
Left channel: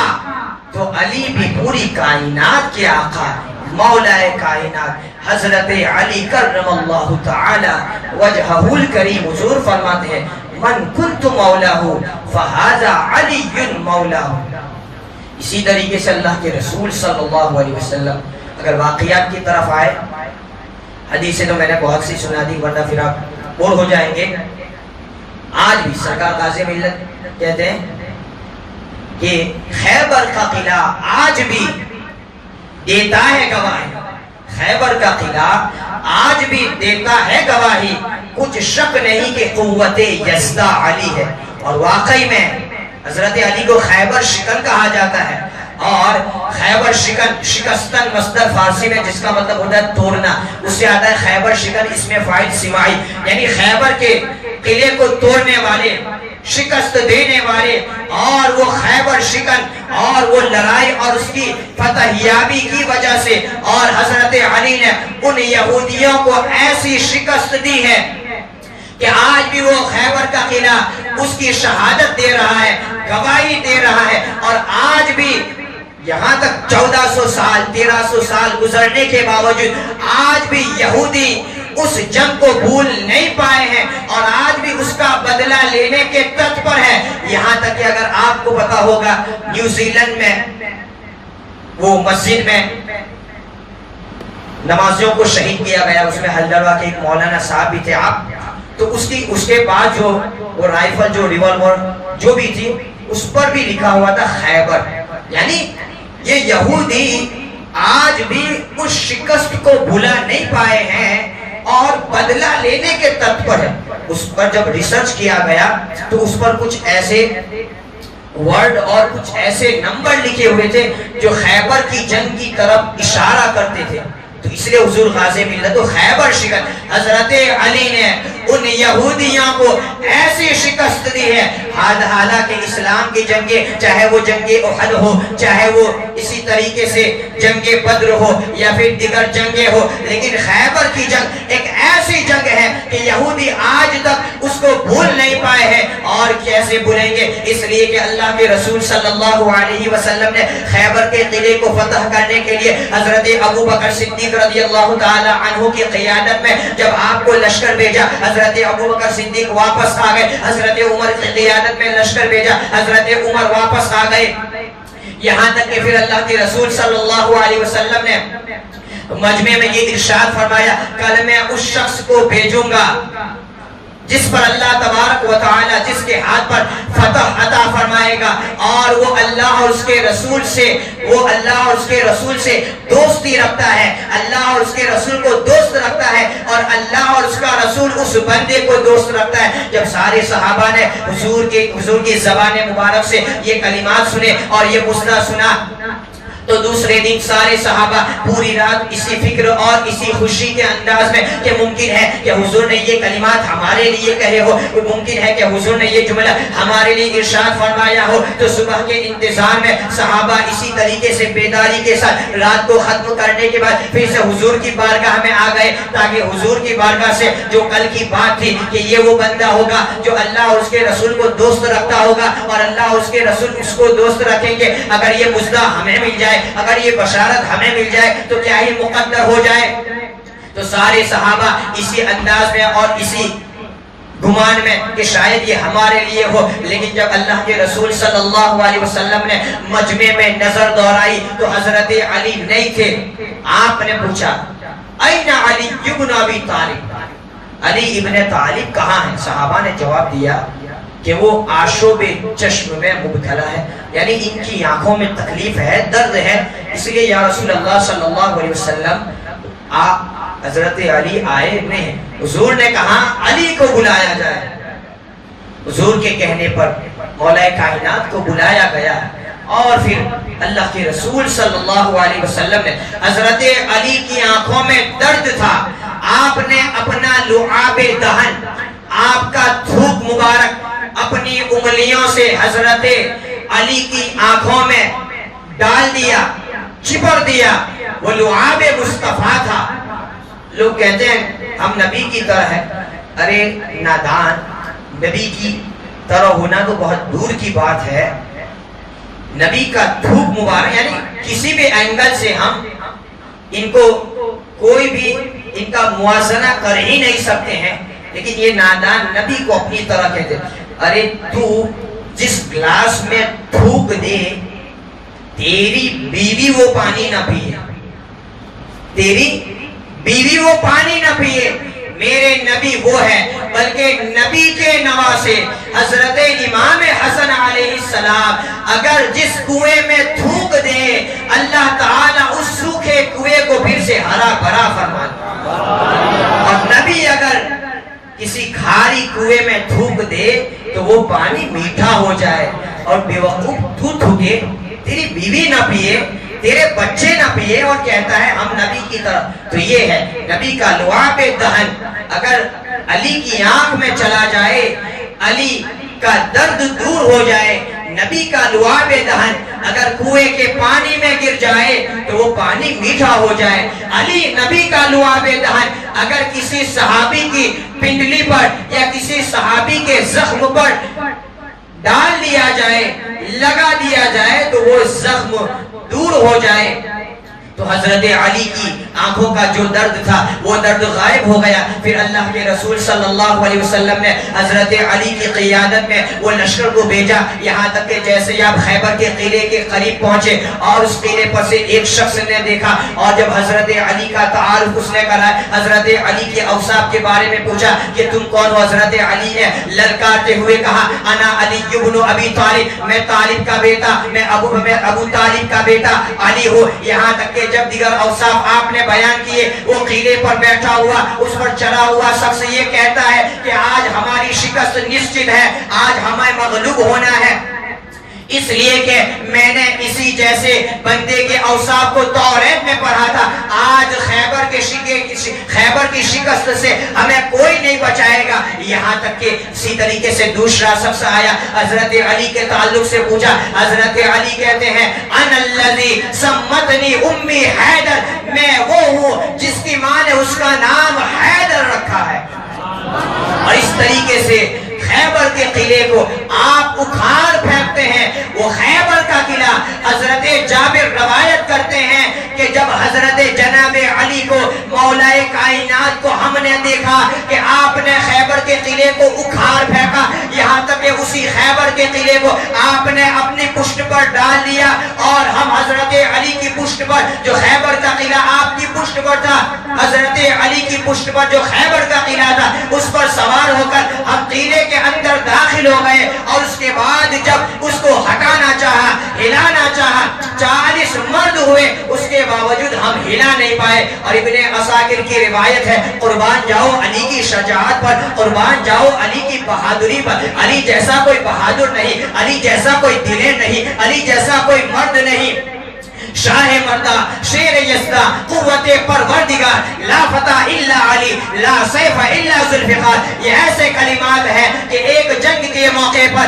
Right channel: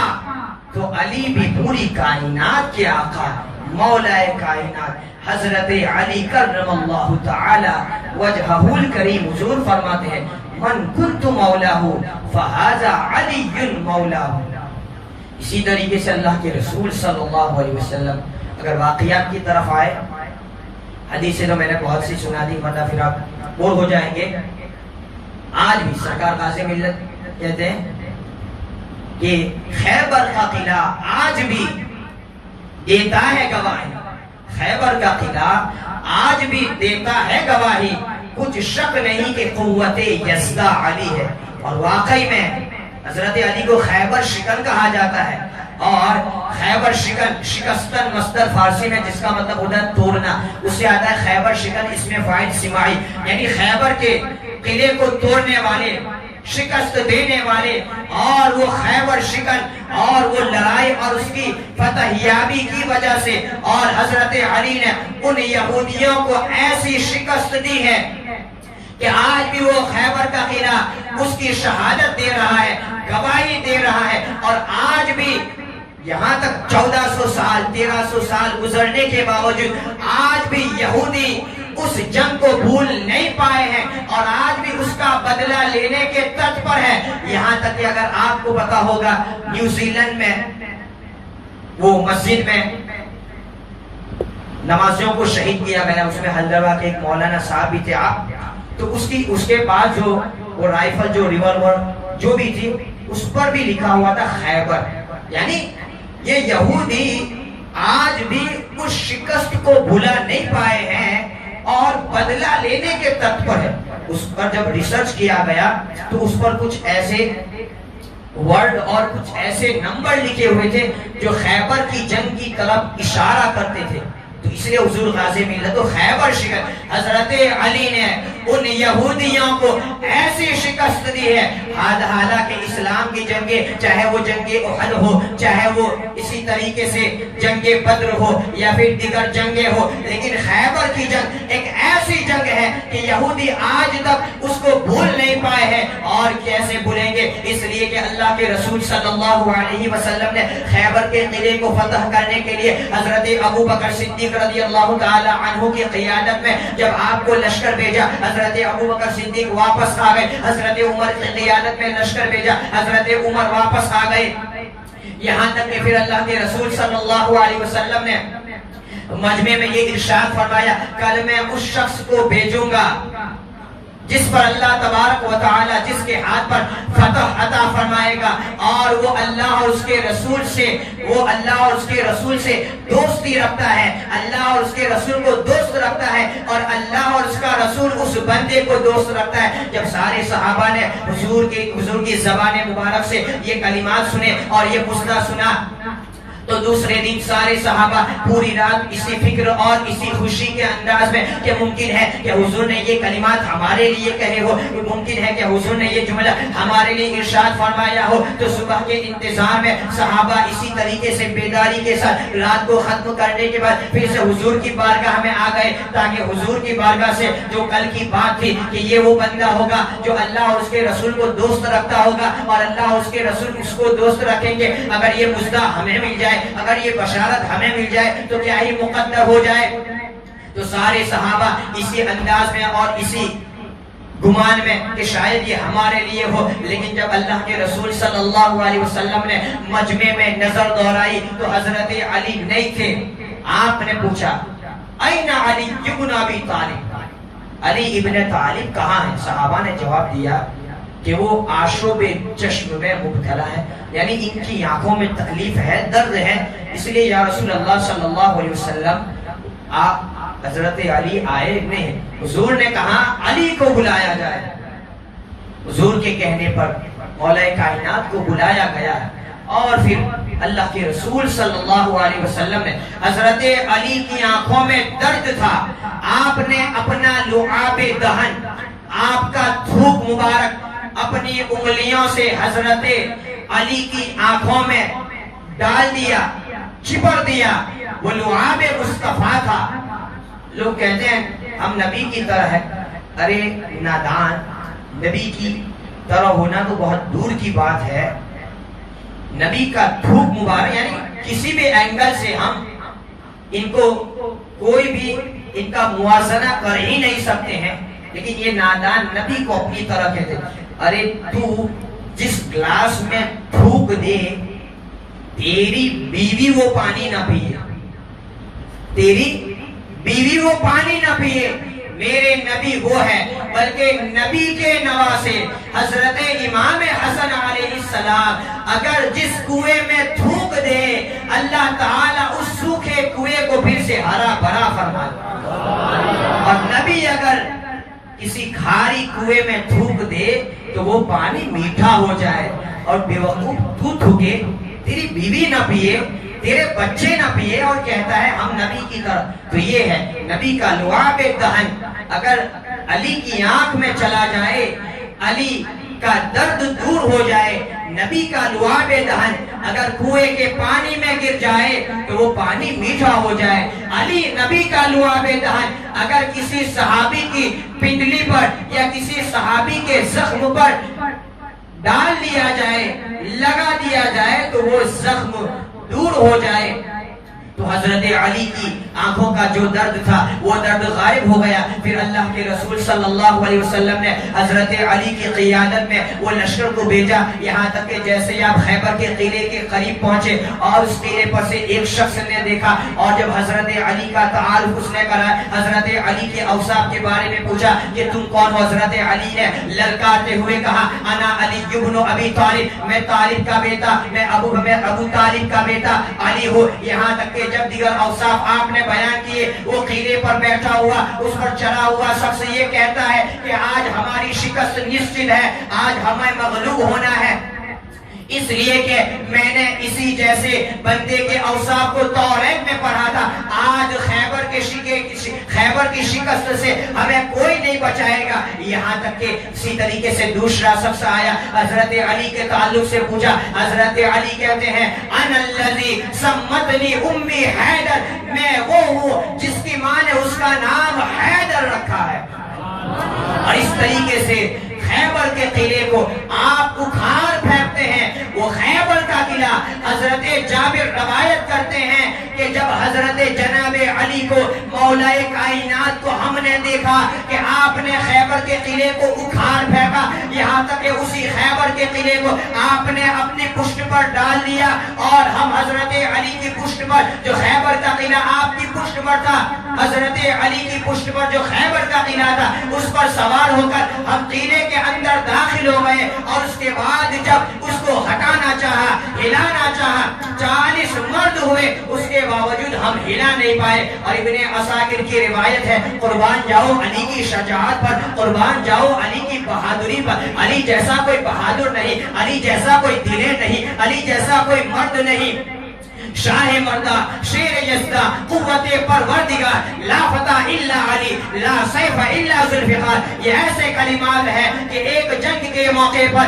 تو علی بھی پوری کائنات کے آقا، مولائے کائنات حضرت علی کرم اللہ تعالی وجہہ الکریم۔ حضور فرماتے ہیں من کنت مولاہ فہذا علی مولاہ۔ اسی طریقے سے اللہ کے رسول صلی اللہ علیہ وسلم اگر واقعات کی طرف آئے، حدیثیں تو میں نے بہت سی سنا دی ورنہ پھر آپ بور ہو جائیں گے۔ آج بھی سرکار غازی ملت کہتے ہیں کہ خیبر کا قلعہ آج بھی دیتا ہے گواہی، خیبر کا قلعہ آج بھی دیتا ہے گواہی، کچھ شک نہیں کہ قوت یزدہ علی ہے۔ اور واقعی میں حضرت علی کو خیبر شکن کہا جاتا ہے، اور خیبر شکن شکستن مصدر فارسی میں جس کا مطلب ہوتا ہے توڑنا، اس سے آتا ہے خیبر شکن اس میں فاعل سماعی، یعنی خیبر کے قلعے کو توڑنے والے، شکست دینے والے، اور وہ خیبر شکن اور وہ لڑائی اور اس کی فتح یابی کی وجہ سے، اور حضرت علی نے ان یہودیوں کو ایسی شکست دی ہے کہ آج بھی وہ خیبر کا قلعہ اس کی شہادت دے رہا ہے، گواہی دے رہا ہے، اور آج بھی یہاں تک 1400 سال 1300 سال گزرنے کے باوجود آج بھی یہودی اس جنگ کو بھول نہیں پائے ہیں اور آج بھی اس کا بدلہ لینے کے تت پر ہے۔ یہاں تک کہ اگر آپ کو پتا ہوگا نیوزی لینڈ میں وہ مسجد میں نمازیوں کو شہید کیا گیا، اس میں حلدروا کے ایک مولانا صاحب بھی تھے آپ، تو اس کے بعد جو وہ رائفل جو ریوالور جو بھی تھی اس پر بھی لکھا ہوا تھا خیبر، یعنی یہ یہودی آج بھی اس شکست کو بھولا نہیں پائے ہیں اور بدلہ لینے کے تت پر ہے۔ اس پر جب ریسرچ کیا گیا تو اس پر کچھ ایسے ورڈ اور کچھ ایسے نمبر لکھے ہوئے تھے جو خیبر کی جنگ کی طرف اشارہ کرتے تھے، تو اس لیے حضور غازی ملت و خیبر شکست، حضرت علی نے ان یہودیوں کو ایسی شکست دی ہے حالانکہ اسلام کی جنگیں، چاہے وہ جنگ احد ہو، چاہے وہ اسی طریقے سے جنگ بدر ہو یا پھر دیگر جنگیں ہو، لیکن خیبر کی جنگ ایک ایسی جنگ ہے کہ یہودی آج تک اس کو بھول نہیں پائے ہیں۔ اور کیسے بھولیں گے؟ اس لیے کہ اللہ کے رسول صلی اللہ علیہ وسلم نے خیبر کے قلعے کو فتح کرنے کے لیے حضرت ابو بکر صدیق رضی اللہ تعالی عنہ کی قیادت میں جب آپ کو لشکر بھیجا، حضرت ابو بکر صدیق واپس آ گئے، حضرت عمر کی قیادت میں لشکر بھیجا، حضرت عمر واپس آ گئے، یہاں تک کہ پھر اللہ کے رسول صلی اللہ علیہ وسلم نے مجمع میں یہ ارشاد فرمایا، کل میں اس شخص کو بھیجوں گا جس پر اللہ تبارک و تعالی جس کے ہاتھ پر فتح عطا فرمائے گا، اور وہ اللہ اور اس کے رسول سے دوستی رکھتا ہے، اللہ اور اس کے رسول کو دوست رکھتا ہے، اور اللہ اور اس کا رسول اس بندے کو دوست رکھتا ہے۔ جب سارے صحابہ نے حضور کی زبان مبارک سے یہ کلمات سنے اور یہ مسئلہ سنا، تو دوسرے دن سارے صحابہ پوری رات اسی فکر اور اسی خوشی کے انداز میں کہ ممکن ہے کہ حضور نے یہ کلمات ہمارے لیے کہے ہو، ممکن ہے کہ حضور نے یہ جملہ ہمارے لیے ارشاد فرمایا ہو، تو صبح کے انتظار میں صحابہ اسی طریقے سے بیداری کے ساتھ رات کو ختم کرنے کے بعد پھر سے حضور کی بارگاہ میں آ گئے، تاکہ حضور کی بارگاہ سے جو کل کی بات تھی کہ یہ وہ بندہ ہوگا جو اللہ اور اس کے رسول کو دوست رکھتا ہوگا، اور اللہ اور اس کے رسول اس کو دوست رکھیں گے، اگر یہ مژدہ ہمیں مل جائے، اگر یہ بشارت ہمیں مل جائے تو کیا ہی مقدر ہو جائے۔ تو سارے صحابہ اسی انداز میں اور اسی گمان میں کہ شاید یہ ہمارے لیے ہو، لیکن جب اللہ کے رسول صلی اللہ علیہ وسلم نے مجمع میں نظر دوڑائی تو حضرت علی نہیں تھے۔ آپ نے پوچھا، این علی ابن ابی طالب، علی ابن طالب کہاں ہیں؟ صحابہ نے جواب دیا کہ وہ آشوب چشم میں مبتلا ہے، یعنی ان کی آنکھوں میں تکلیف ہے، درد ہے، اس لیے یا رسول اللہ صلی اللہ علیہ وسلم آپ حضرت علی آئے نہیں ہیں۔ حضور نے کہا علی کو بلایا جائے، حضور کے کہنے پر مولا کائنات کو بلایا گیا، اور پھر اللہ کے رسول صلی اللہ علیہ وسلم نے حضرت علی کی آنکھوں میں درد تھا، آپ نے اپنا لعاب دہن، آپ کا تھوک مبارک اپنی انگلیوں سے حضرت علی کی آنکھوں میں ڈال دیا، چپڑ دیا، وہ لعاب مصطفیٰ تھا۔ لوگ کہتے ہیں ہم نبی کی طرح ہیں، ارے نادان، نبی کی طرح ہونا تو بہت دور کی بات ہے۔ نبی کا تھوک مبارک، یعنی کسی بھی اینگل سے ہم ان کو کوئی بھی ان کا موازنہ کر ہی نہیں سکتے ہیں، لیکن یہ نادان نبی کو اپنی طرح کہتے ہیں۔ ارے تو جس گلاس میں تھوک دے، تیری بیوی وہ پانی نہ پیے، تیری بیوی وہ پانی نہ پیے، میرے نبی وہ ہے، بلکہ نبی کے نواسے حضرت امام حسن علیہ السلام اگر جس کنویں میں تھوک دے، اللہ تعالیٰ اس سوکھے کنویں کو پھر سے ہرا بھرا فرما دے، اور نبی اگر کسی کھاری کنویں میں تھوک دے تو وہ پانی میٹھا ہو جائے، اور بیوقوف تو تھوکے، تیری بیوی نہ پیے، تیرے بچے نہ پیے، اور کہتا ہے ہم نبی کی طرح۔ تو یہ ہے نبی کا لعاب دہن، اگر علی کی آنکھ میں چلا جائے، علی کا درد دور ہو جائے۔ نبی کا لعاب دہن اگر کنویں کے پانی میں گر جائے تو وہ پانی میٹھا ہو جائے۔ علی نبی کا لعاب دہن اگر کسی صحابی کی پنڈلی پر یا کسی صحابی کے زخم پر ڈال دیا جائے، لگا دیا جائے تو وہ زخم دور ہو جائے۔ تو حضرت علی کی آنکھوں کا جو درد تھا وہ درد غائب ہو گیا۔ پھر اللہ کے رسول صلی اللہ علیہ وسلم نے حضرت علی کی قیادت میں وہ لشکر کو بھیجا، یہاں تک کہ جیسے ہی آپ خیبر کے قلعے کے قریب پہنچے اور اس قلعے پر سے ایک شخص نے دیکھا، اور جب حضرت علی کا تعارف اس نے کرا، حضرت علی کے اوصاف کے بارے میں پوچھا کہ تم کون ہو؟ حضرت علی نے للکارتے ہوئے کہا انا علی ابن ابی طالب، میں طالب کا بیٹا، میں ابو طالب کا بیٹا علی ہوں۔ یہاں تک کہ جب دیگر اوصاف آپ نے بیان کیے، وہ قلعے پر بیٹھا ہوا، اس پر چڑھا ہوا شخص یہ کہتا ہے کہ آج ہماری شکست نشچت ہے، آج ہمیں مغلوب ہونا ہے، اس لیے کہ میں نے اسی جیسے بندے کے اوصاف کو توریت میں پڑھا تھا۔ آج خیبر کے خیبر کی شکست سے ہمیں کوئی نہیں بچائے گا. یہاں تک کہ اسی طریقے سے دوسرا شخص آیا, حضرت علی کے تعلق سے پوچھا. حضرت علی کہتے ہیں انا الذی سمتنی امی حیدر, میں وہ ہوں جس کی ماں نے اس کا نام حیدر رکھا ہے. اور اس طریقے سے خیبر کے قلعے کو آپ اکھاڑ پھینکتے ہیں. وہ خیبر کا قلعہ حضرت جابر روایت کرتے ہیں کہ جب حضرت جناب علی کو مولا کائنات کو ہم نے دیکھا کہ آپ نے خیبر کے قلعے کو اکھاڑ پھینکا, یہاں تک کہ اسی خیبر کے قلعے کو آپ نے اپنی پشت پر ڈال لیا, اور ہم حضرت علی کی پشت پر, جو خیبر کا قلعہ آپ کی پشت پر تھا, حضرت علی کی پشت پر جو خیبر کا قلعہ تھا, اس پر سوار ہو کر ہم قلعے کے اندر داخل ہو گئے. اور اس کے بعد جب اس کو ہٹانا چاہا, ہلانا چاہا, 40 مرد ہوئے, اس کے باوجود ہم ہلا نہیں پائے. اور ابن عساکر کی روایت ہے, قربان جاؤ علی کی شجاعت پر, قربان جاؤ علی کی بہادری پر. علی جیسا کوئی بہادر نہیں, علی جیسا کوئی دلیر نہیں, علی جیسا کوئی مرد نہیں. شاہ مردہ, شیر یزدہ, قوت پروردگار, لا فتح الا علی, لا سیف الا ذوالفقار. یہ ایسے کلمات ہیں کہ ایک جنگ کے موقع پر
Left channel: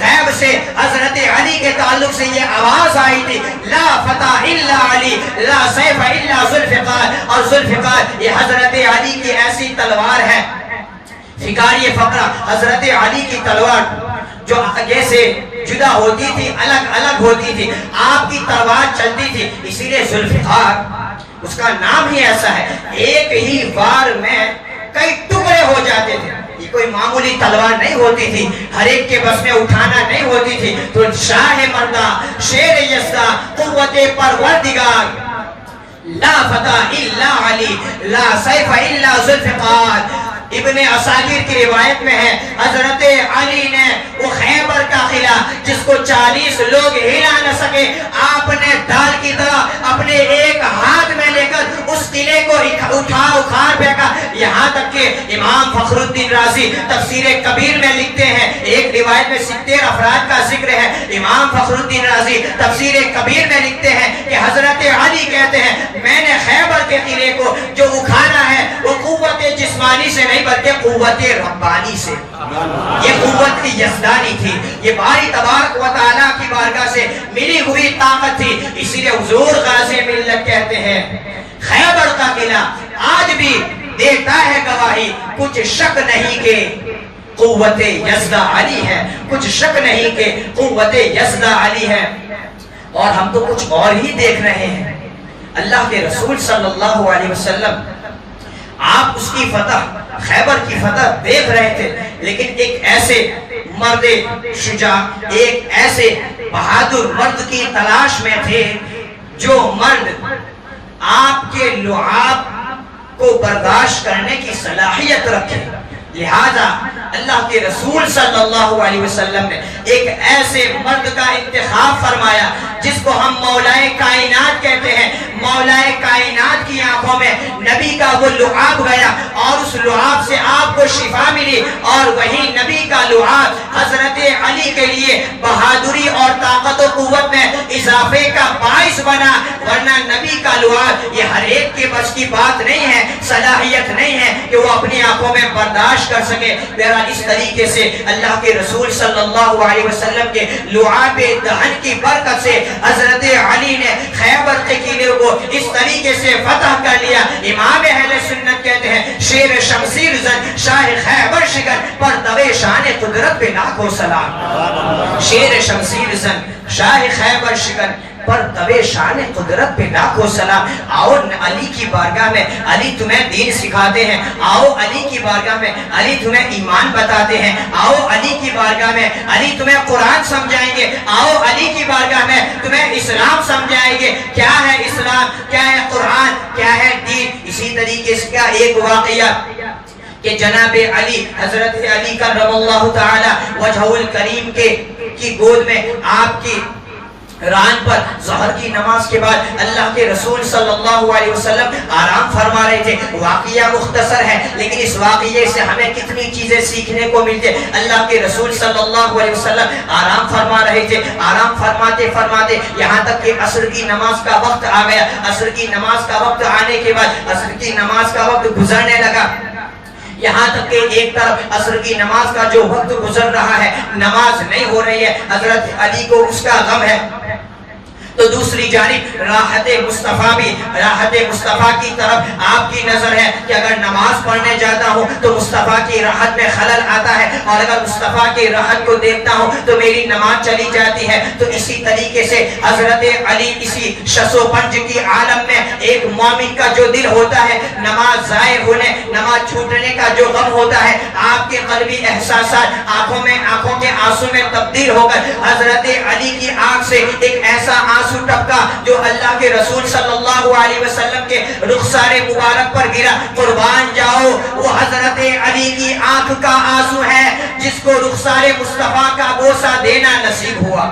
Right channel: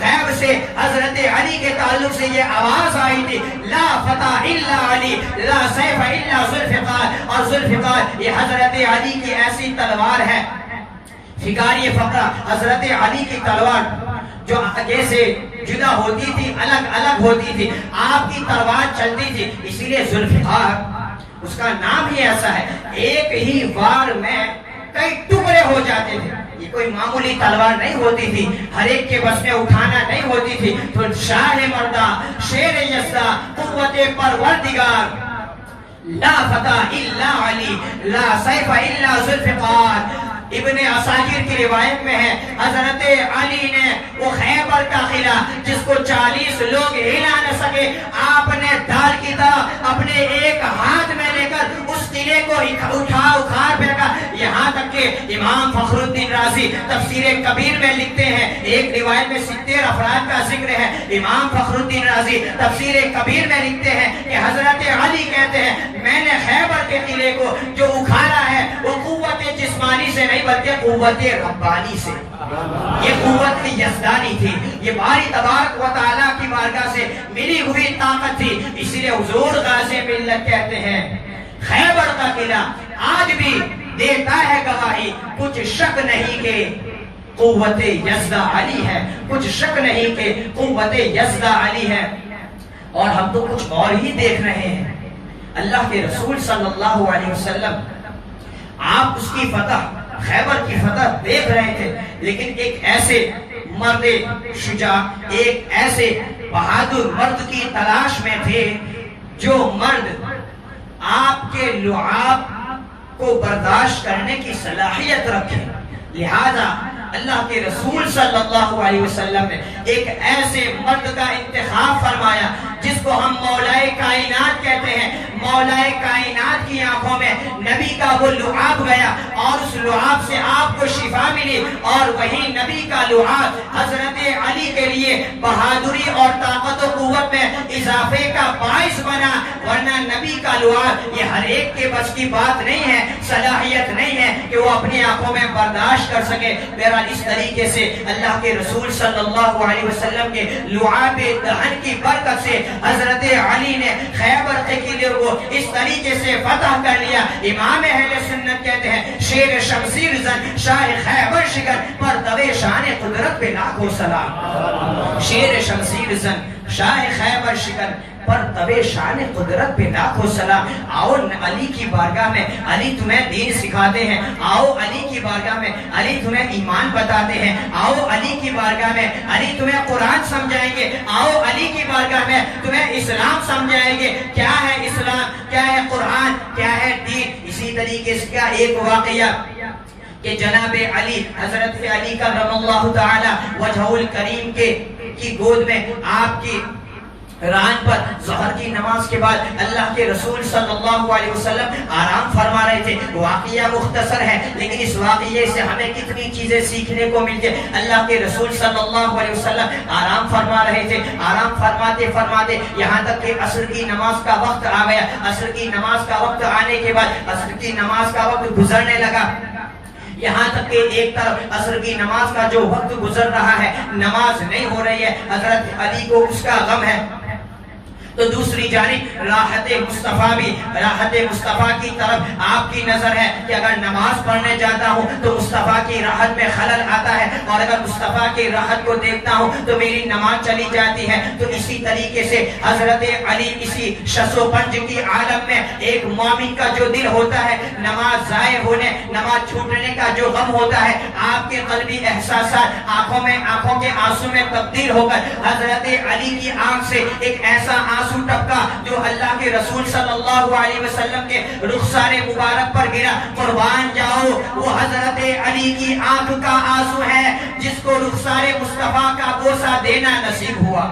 غیب سے حضرت علی کے تعلق سے یہ آواز آئی تھی, لا فتح الا علی, لا سیف الا ذوالفقار. اور ذوالفقار یہ حضرت علی کی ایسی تلوار ہے, فقار یہ فقرہ حضرت علی کی تلوار جو آگے سے جدا ہوتی تھی, الگ الگ ہوتی تھی, آپ کی تلوار چلتی تھی, اسی لیے ذوالفقار اس کا نام ہی ایسا ہے. ایک ہی وار میں کئی ٹکڑے ہو جاتے تھے. یہ کوئی معمولی تلوار نہیں ہوتی تھی, ہر ایک کے بس میں اٹھانا نہیں ہوتی تھی. تو شاہ مردہ, شیر یزدہ, قوت پروردگار, لا فتح الا علی, لا سیف الا ذوالفقار. ابن عساکر کی روایت میں ہے حضرت علی نے وہ خیبر کا قلعہ جس کو 40 لوگ ہلا نہ سکے, آپ نے ڈال کی طرح اپنے ایک ہاتھ میں لے کر اس قلعے کو اکھاڑ پھینکا. یہاں تک کہ امام فخر الدین رازی تفسیر کبیر میں لکھتے ہیں, ایک روایت میں 70 افراد کا ذکر ہے. امام فخر الدین رازی تفسیر کبیر میں لکھتے ہیں کہ حضرت علی کہتے ہیں میں نے خیبر کے قلعے کو جو اکھاڑا ہے وہ قوت جسمانی سے نہیں بلکہ قوت ربانی سے, یہ قوت کی یزدانی تھی, یہ باری تبارک و تعالیٰ کی بارگاہ سے ملی ہوئی طاقت تھی. اسی لیے حضور غازی ملت کہتے ہیں خیبر کا قلعہ آج بھی دیتا ہے گواہی, کچھ شک نہیں کہ قوت یزدہ علی ہے, کچھ شک نہیں کہ قوت یزدہ علی ہے. اور ہم تو کچھ اور ہی دیکھ رہے ہیں. اللہ کے رسول صلی اللہ علیہ وسلم آپ اس کی فتح, خیبر کی فتح دیکھ رہے تھے, لیکن ایک ایسے مرد شجاع, ایک ایسے بہادر مرد کی تلاش میں تھے جو مرد آپ کے لعاب کو برداشت کرنے کی صلاحیت رکھے. لہذا اللہ کے رسول صلی اللہ علیہ وسلم نے ایک ایسے مرد کا انتخاب فرمایا جس کو ہم مولا کائنات کہتے ہیں. مولا کائنات کی آنکھوں میں نبی کا وہ لعاب گیا اور اس لعاب سے آپ کو شفا ملی, اور وہی نبی کا لعاب حضرت علی کے لیے بہادری اور طاقت و قوت میں اضافے کا باعث بنا. ورنہ نبی کا لعاب یہ ہر ایک کے بس کی بات نہیں ہے, صلاحیت نہیں ہے کہ وہ اپنی آنکھوں میں برداشت کر سکے. اس طریقے سے اللہ کے رسول صلی اللہ علیہ وسلم کے لعاب دہن کی برکت سے حضرت علی نے خیبر کے قلعے کو اس طریقے سے فتح کر لیا. امام اہل سنت کہتے ہیں شیر شمشیر زن شاہ خیبر شکن پر دوے شان قدرت پہ لاکھوں سلام. شیر شمشیر زن شاہ خیبر شکن پر دوے شان قدرت پہ لاکھوں سلام. آؤ علی کی بارگاہ میں علی تمہیں دین سکھاتے ہیں, آؤ علی کی بارگاہ میں علی تمہیں ایمان بتاتے ہیں, آؤ علی کی بارگاہ میں علی تمہیں قرآن سمجھائیں گے, آؤ علی کی بارگاہ میں تمہیں اسلام سمجھائیں گے. کیا ہے اسلام, کیا ہے قرآن, کیا ہے دین. اسی طریقے سے کا ایک واقعہ کہ جناب علی, حضرت علی کرم اللہ تعالی وجہہ الکریم کی گود میں آپ کی ران پر ظہر کی نماز کے بعد اللہ کے رسول صلی اللہ علیہ وسلم آرام فرما رہے تھے. واقعہ مختصر ہے لیکن اس واقعے سے ہمیں کتنی چیزیں سیکھنے کو ملتی. اللہ کے رسول صلی اللہ علیہ وسلم آرام فرما رہے تھے. آرام فرماتے فرماتے یہاں تک کہ عصر کی نماز کا وقت آ گیا. عصر کی نماز کا وقت آنے کے بعد عصر کی نماز کا وقت گزرنے لگا. یہاں تک کہ ایک طرف عصر کی نماز کا جو وقت گزر رہا ہے نماز نہیں ہو رہی ہے, حضرت علی کو اس کا غم ہے. تو دوسری جانب راحت مصطفیٰ بھی, راحت مصطفیٰ کی طرف آپ کی نظر ہے کہ اگر نماز پڑھنے جاتا ہوں تو مصطفیٰ کی راحت میں خلل آتا ہے, اور اگر مصطفیٰ کی راحت کو دیکھتا ہوں تو میری نماز چلی جاتی ہے. تو اسی طریقے سے حضرت علی اسی شش و پنج کی عالم میں ایک مومن کا جو دل ہوتا ہے نماز ضائع ہونے, نماز چھوٹنے کا جو غم ہوتا ہے, آپ کے قلبی احساسات آنکھوں کے آنسو میں تبدیل ہو کر حضرت علی کی آنکھ سے ایک ایسا آنسو ٹپکا جو اللہ کے رسول صلی اللہ علیہ وسلم کے رخسار مبارک پر گرا. قربان جاؤ, وہ حضرت علی کی آنکھ کا آنسو ہے جس کو رخسار مصطفیٰ کا بوسہ دینا نصیب ہوا.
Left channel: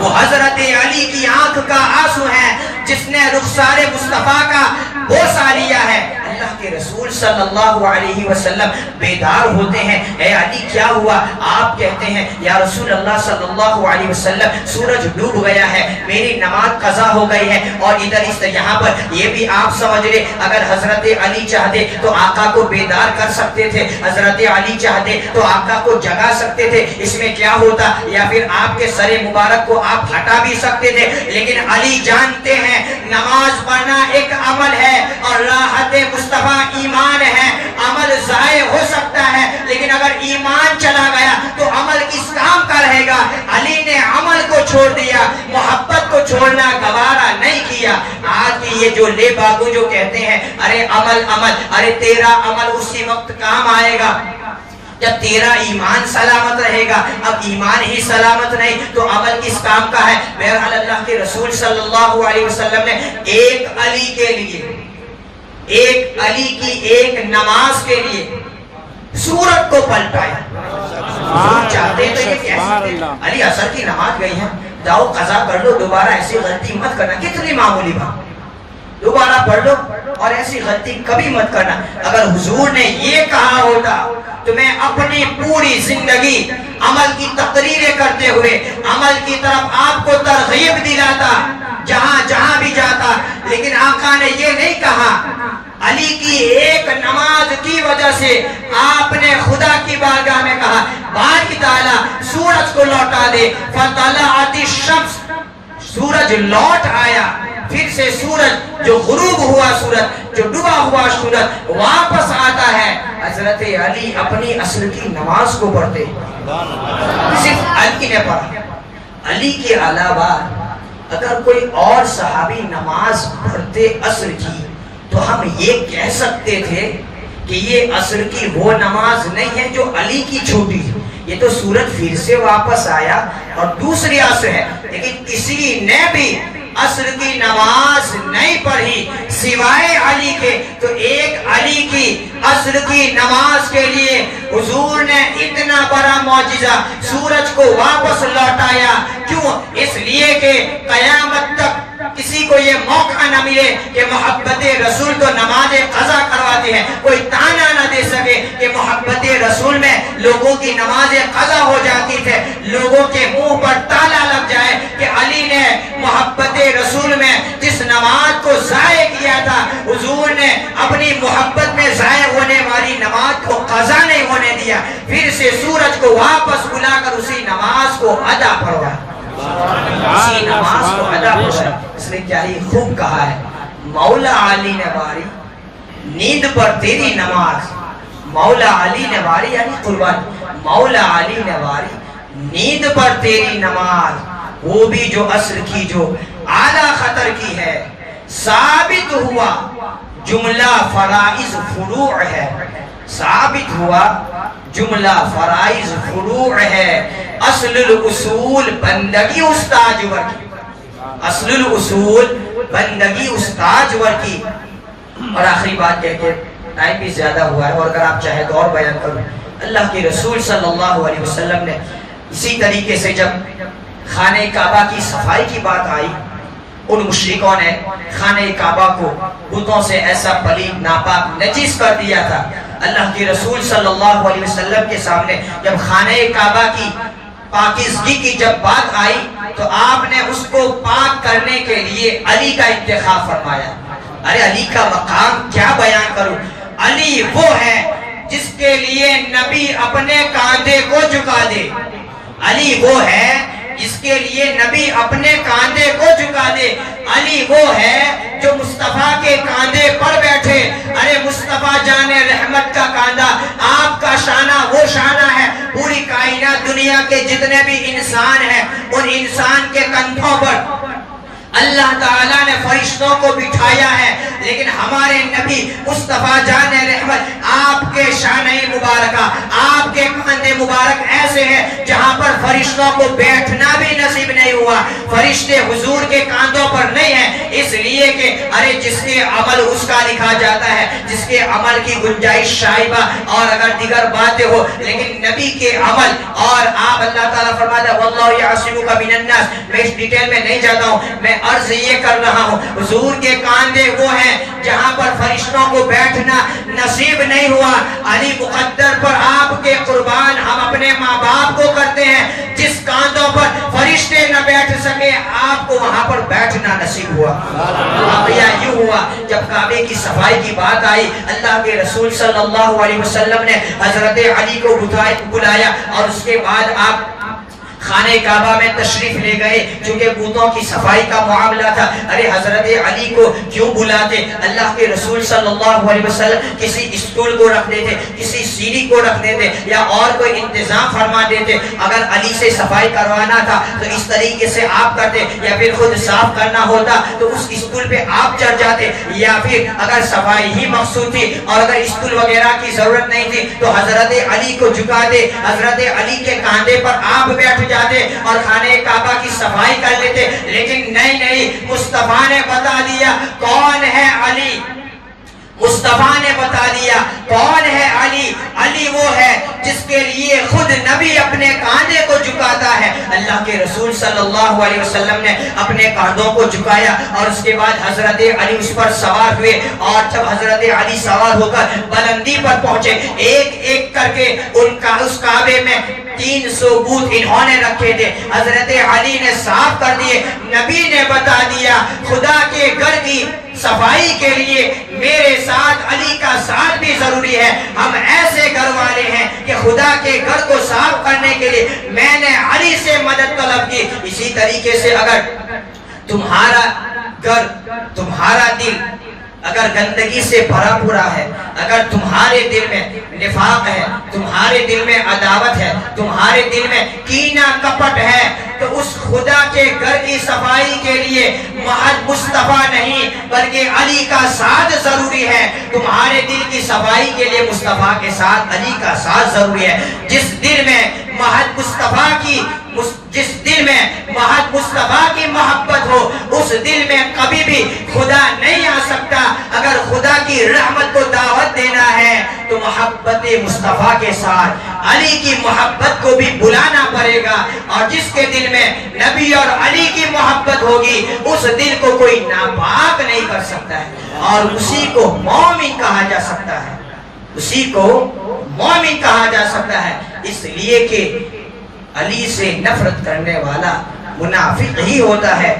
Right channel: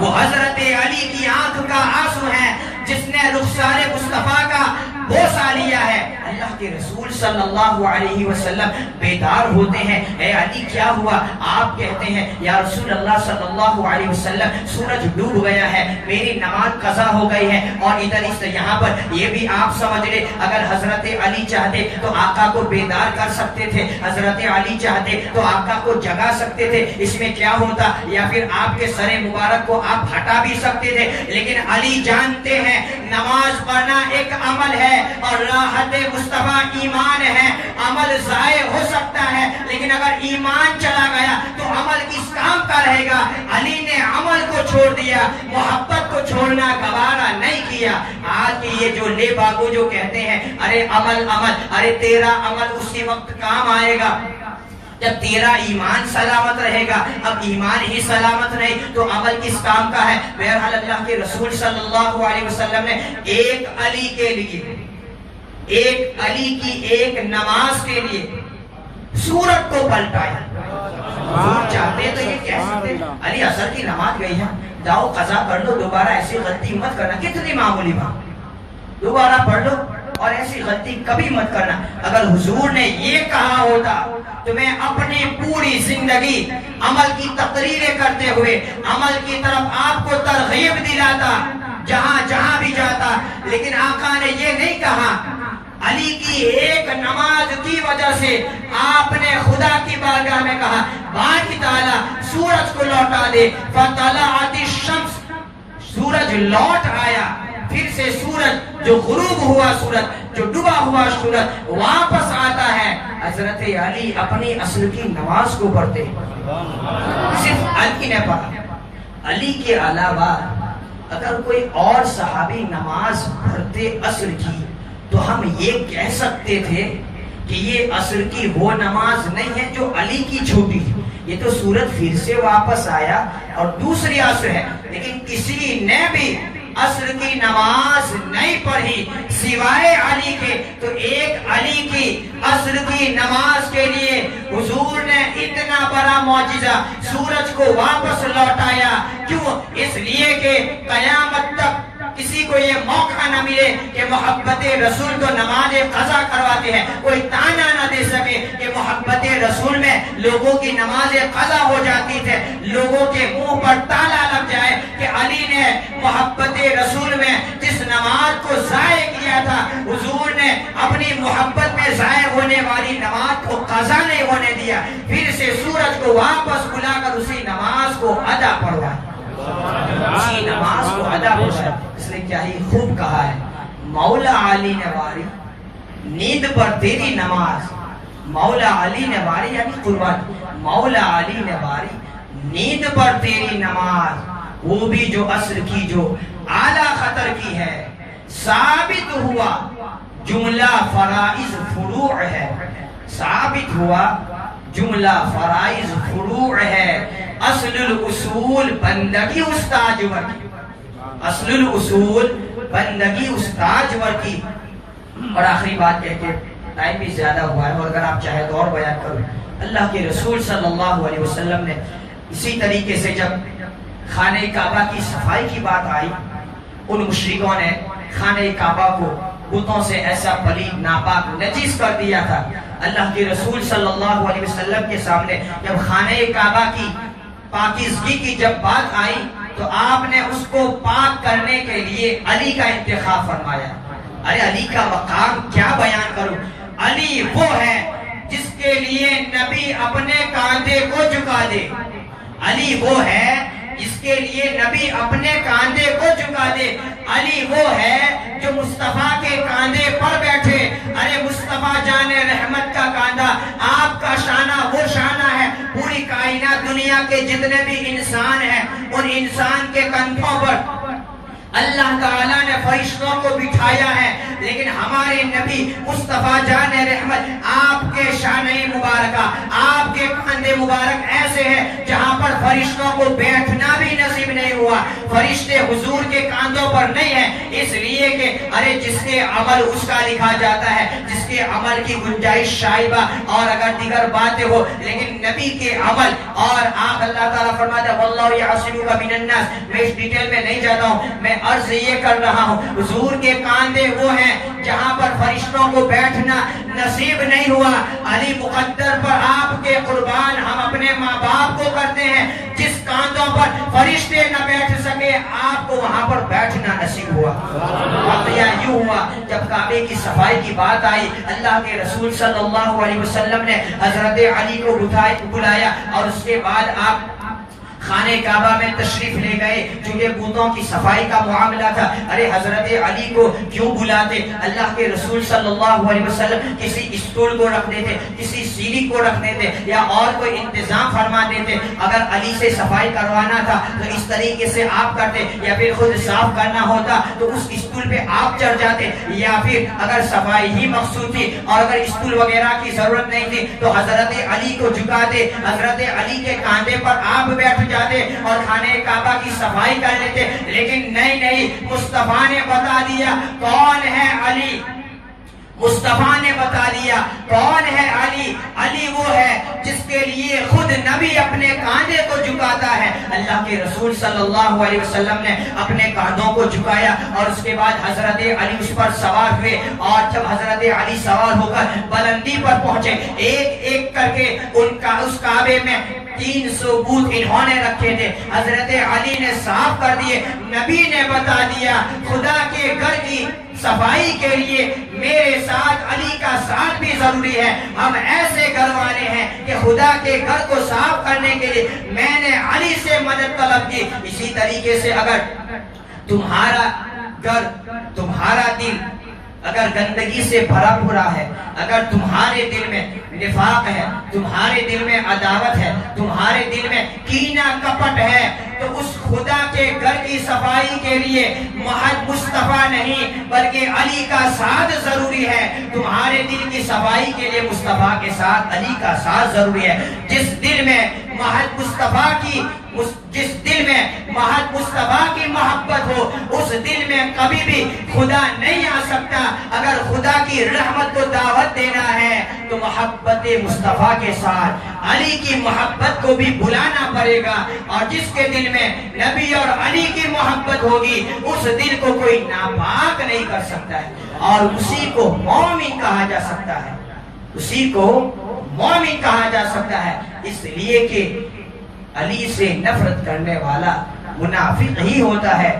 وہ حضرت علی کی آنکھ کا آنسو ہے جس نے رخسار مصطفیٰ کا بوسہ لیا ہے. اللہ کے رسول صلی اللہ علیہ وسلم بیدار ہوتے ہیں. اے علی کیا ہوا؟ آپ کہتے ہیں یا رسول اللہ صلی اللہ علیہ وسلم سورج ڈوب گیا ہے, میری نماز قضا ہو گئی ہے. اور ادھر اس یہاں پر یہ بھی آپ سمجھ لیں, اگر حضرت علی چاہتے تو آقا کو بیدار کر سکتے تھے, حضرت علی چاہتے تو آقا کو جگا سکتے تھے, اس میں کیا ہوتا, یا پھر آپ کے سر مبارک کو آپ ہٹا بھی سکتے تھے. لیکن علی جانتے ہیں نماز پڑھنا ایک عمل ہے اور راحت مصطفیٰ ایمان ہے. عمل ضائع ہو سکتا ہے لیکن اگر ایمان چلا گیا تو عمل کس کام کا رہے گا. علی نے عمل کو چھوڑ دیا, محبت کو چھوڑنا گوارا نہیں کیا. آج کی یہ جو لے باغو جو کہتے ہیں ارے عمل عمل, ارے تیرا عمل اسی وقت کام آئے گا جب تیرا ایمان سلامت رہے گا. اب ایمان ہی سلامت نہیں تو عمل کس کام کا ہے. بہرحال اللہ کے رسول صلی اللہ علیہ وسلم نے ایک علی کے لیے, ایک علی کی ایک نماز کے لیے سورت کو پلٹایا. چاہتے تو یہ کہہ سکتے علی عصر کی نماز گئی ہے, جاؤ قضا کر لو, دوبارہ ایسی غلطی مت کرنا. کتنی معمولی بات, دوبارہ پڑھ لو اور ایسی غلطی کبھی مت کرنا. اگر حضور نے یہ کہا ہوتا تو میں اپنی پوری زندگی عمل کی تقریریں کرتے ہوئے عمل کی طرف آپ کو ترغیب دلاتا جہاں جہاں بھی جاتا. لیکن آقا نے یہ نہیں کہا. علی کی ایک نماز کی وجہ سے آپ نے خدا کی بارگاہ میں کہا باری تعالیٰ سورج کو لوٹا دے. فطلعت الشمس, سورج لوٹ آیا. پھر سے سورج جو غروب ہوا, سورج جو ڈوبا ہوا سورج واپس آتا ہے. حضرت علی اپنی عصر کی نماز کو پڑھتے, صرف علی نے پڑھا. علی کے علاوہ اگر کوئی اور صحابی نماز پڑھتے عصر کی تو ہم یہ کہہ سکتے تھے کہ یہ عصر کی وہ نماز نہیں ہے جو علی کی چھوٹی ہے. یہ تو سورج پھر سے واپس آیا اور دوسری عصر ہے. لیکن کسی نے بھی عصر کی نماز نہیں پڑھی سوائے علی کے. تو ایک علی کی عصر کی نماز کے لیے حضور نے اتنا بڑا معجزہ سورج کو واپس لوٹایا. کیوں؟ اس لیے کہ قیامت تک کسی کو یہ موقع نہ ملے کہ محبت رسول تو نماز قضا کرواتے ہیں, کوئی تانا نہ دے سکے کہ محبت رسول میں لوگوں کی نماز قضا ہو جاتی تھے. لوگوں کے منہ پر تالا لگ جائے کہ علی نے محبت رسول میں جس نماز کو ضائع کیا تھا حضور نے اپنی محبت میں ضائع ہونے والی نماز کو قضا نہیں ہونے دیا. پھر سے سورج کو واپس بلا کر اسی نماز کو ادا کروایا, اسی نماز کو ادا کروایا. اس نے کیا ہی خوب کہا ہے, مولا علی نے واری نیند پر تیری نماز. مولا علی نے واری یعنی قربان, مولا علی نے واری نیند پر تیری نماز, وہ بھی جو عصر کی جو اعلیٰ خطر کی ہے. ثابت ہوا جملہ فرائض فروع ہے, ثابت ہوا جملہ فرائض فروع ہے. اصل الاصول بندگی استاج ور کی, اصل الاصول بندگی استاج ور کی. اور آخری بات کہہ کے ٹائم بھی زیادہ ہوا ہے اور اگر آپ چاہیں تو اور بیان کروں. اللہ کے رسول صلی اللہ علیہ وسلم نے اسی طریقے سے جب خانہ کعبہ کی صفائی کی بات آئی، ان مشرکوں نے خانہ کعبہ کو بتوں سے ایسا پلید ناپاک نجس کر دیا تھا۔ اللہ کے رسول صلی اللہ علیہ وسلم کے سامنے جب خانہ کعبہ کی پاکیزگی کی جب بات آئی تو آپ نے اس کو پاک کرنے کے لیے علی کا انتخاب فرمایا۔ ارے علی کا مقام کیا بیان کروں، علی وہ ہے جس کے لیے نبی اپنے کاندھے کو جھکا دے، علی وہ ہے جس کے لیے نبی اپنے کاندھے کو جھکا دے، علی وہ ہے جو مصطفیٰ کے کاندھے پر بیٹھے۔ ارے مصطفیٰ جان رحمت کا کاندھا، آپ کا شانہ وہ شانہ ہے، پوری کائنات دنیا کے جتنے بھی انسان ہیں ان انسان کے کندھوں پر اللہ تعالیٰ نے فرشتوں کو بٹھایا ہے، لیکن ہمارے نبی مصطفیٰ جان رحمت آپ کے شانہ مبارکہ، آپ کے کاندھے مبارک ایسے ہیں جہاں پر فرشتوں کو بیٹھنا بھی نصیب نہیں ہوا۔ فرشتے حضور کے کاندھوں پر نہیں ہیں، اس لیے کہ ارے جس کے عمل اس کا لکھا جاتا ہے، جس کے عمل کی گنجائش شائبہ اور اگر دیگر باتیں ہو، لیکن نبی کے عمل اور آپ اللہ تعالیٰ فرماتا ہے واللہ یعصمک من الناس۔ میں اس ڈیٹیل میں نہیں جاتا ہوں، میں عرض یہ کر رہا ہوں حضور کے کاندھے وہ ہیں جہاں پر فرشتوں کو بیٹھنا نصیب نہیں ہوا۔ علی مقدر پر آپ کے قربان ہم اپنے ماں باپ کو کرتے ہیں، جس کاندھوں پر فرشتے نہ بیٹھ سکے آپ کو وہاں پر بیٹھنا نصیب ہوا۔ واقعہ یوں ہوا جب کعبے کی صفائی کی بات آئی، اللہ کے رسول صلی اللہ علیہ وسلم نے حضرت علی کو بلایا اور اس کے بعد آپ خانہ کعبہ میں تشریف لے گئے، چونکہ بتوں کی صفائی کا معاملہ تھا۔ ارے حضرت علی کو کیوں بلاتے؟ اللہ کے رسول صلی اللہ علیہ وسلم کسی اسٹول کو رکھ دیتے، کسی سیڑھی کو رکھ دیتے یا اور کوئی انتظام فرما دیتے۔ اگر علی سے صفائی کروانا تھا تو اس طریقے سے آپ کرتے، یا پھر خود صاف کرنا ہوتا تو اس اسٹول پہ آپ چڑھ جاتے، یا پھر اگر صفائی ہی مقصود تھی اور اگر اسٹول وغیرہ کی ضرورت نہیں تھی تو حضرت علی کو جھکا دے، حضرت علی کے کاندھے پر آپ بیٹھ جاتے اور خانہ کعبہ کی صفائی کر لیتے۔ لیکن نہیں، مصطفیٰ نے بتا دیا کون ہے علی، مصطفیٰ نے بتا دیا کون ہے علی۔ علی وہ ہے جس کے لیے خود نبی اپنے کاندھے کو جھکاتا ہے۔ اللہ کے رسول صلی اللہ علیہ وسلم نے اپنے کاندھوں کو جھکایا اور اس کے بعد حضرت علی اس پر سوار ہوئے، اور جب حضرت علی سوار ہو کر بلندی پر پہنچے، ایک ایک کر کے اس کعبے میں 300 بت انہوں نے رکھے تھے، حضرت علی نے صاف کر دیے۔ نبی نے بتا دیا خدا کے گھر کی صفائی کے لیے میرے ساتھ علی کا ساتھ بھی ضروری ہے۔ ہم ایسے گھر والے ہیں کہ خدا کے گھر کو صاف کرنے کے لیے میں نے علی سے مدد طلب کی۔ اسی طریقے سے اگر تمہارا گھر، تمہارا دل اگر گندگی سے بھرا پورا ہے، اگر تمہارے دل میں نفاق ہے، تمہارے دل میں عداوت ہے، تمہارے دل میں کینہ کپٹ ہے، تو اس خدا کے گھر کی صفائی کے لیے محض مصطفیٰ نہیں بلکہ علی کا ساتھ ضروری ہے۔ تمہارے دل کی صفائی کے لیے مصطفیٰ کے ساتھ علی کا ساتھ ضروری ہے۔ جس دل میں محض مصطفیٰ کی محبت ہو، اس دل میں کبھی بھی خدا نہیں آ سکتا۔ اگر خدا کی رحمت کو دعوت دینا ہے تو محبت مصطفیٰ کے ساتھ علی کی محبت کو بھی بلانا پڑے گا، اور جس کے دل میں نبی اور علی کی محبت ہوگی اس دل کو کوئی ناپاک نہیں کر سکتا ہے، اور اسی کو مومن کہا جا سکتا ہے، اسی کو مومن کہا جا سکتا ہے۔ اس لیے کہ علی سے نفرت کرنے والا منافق ہی ہوتا ہے۔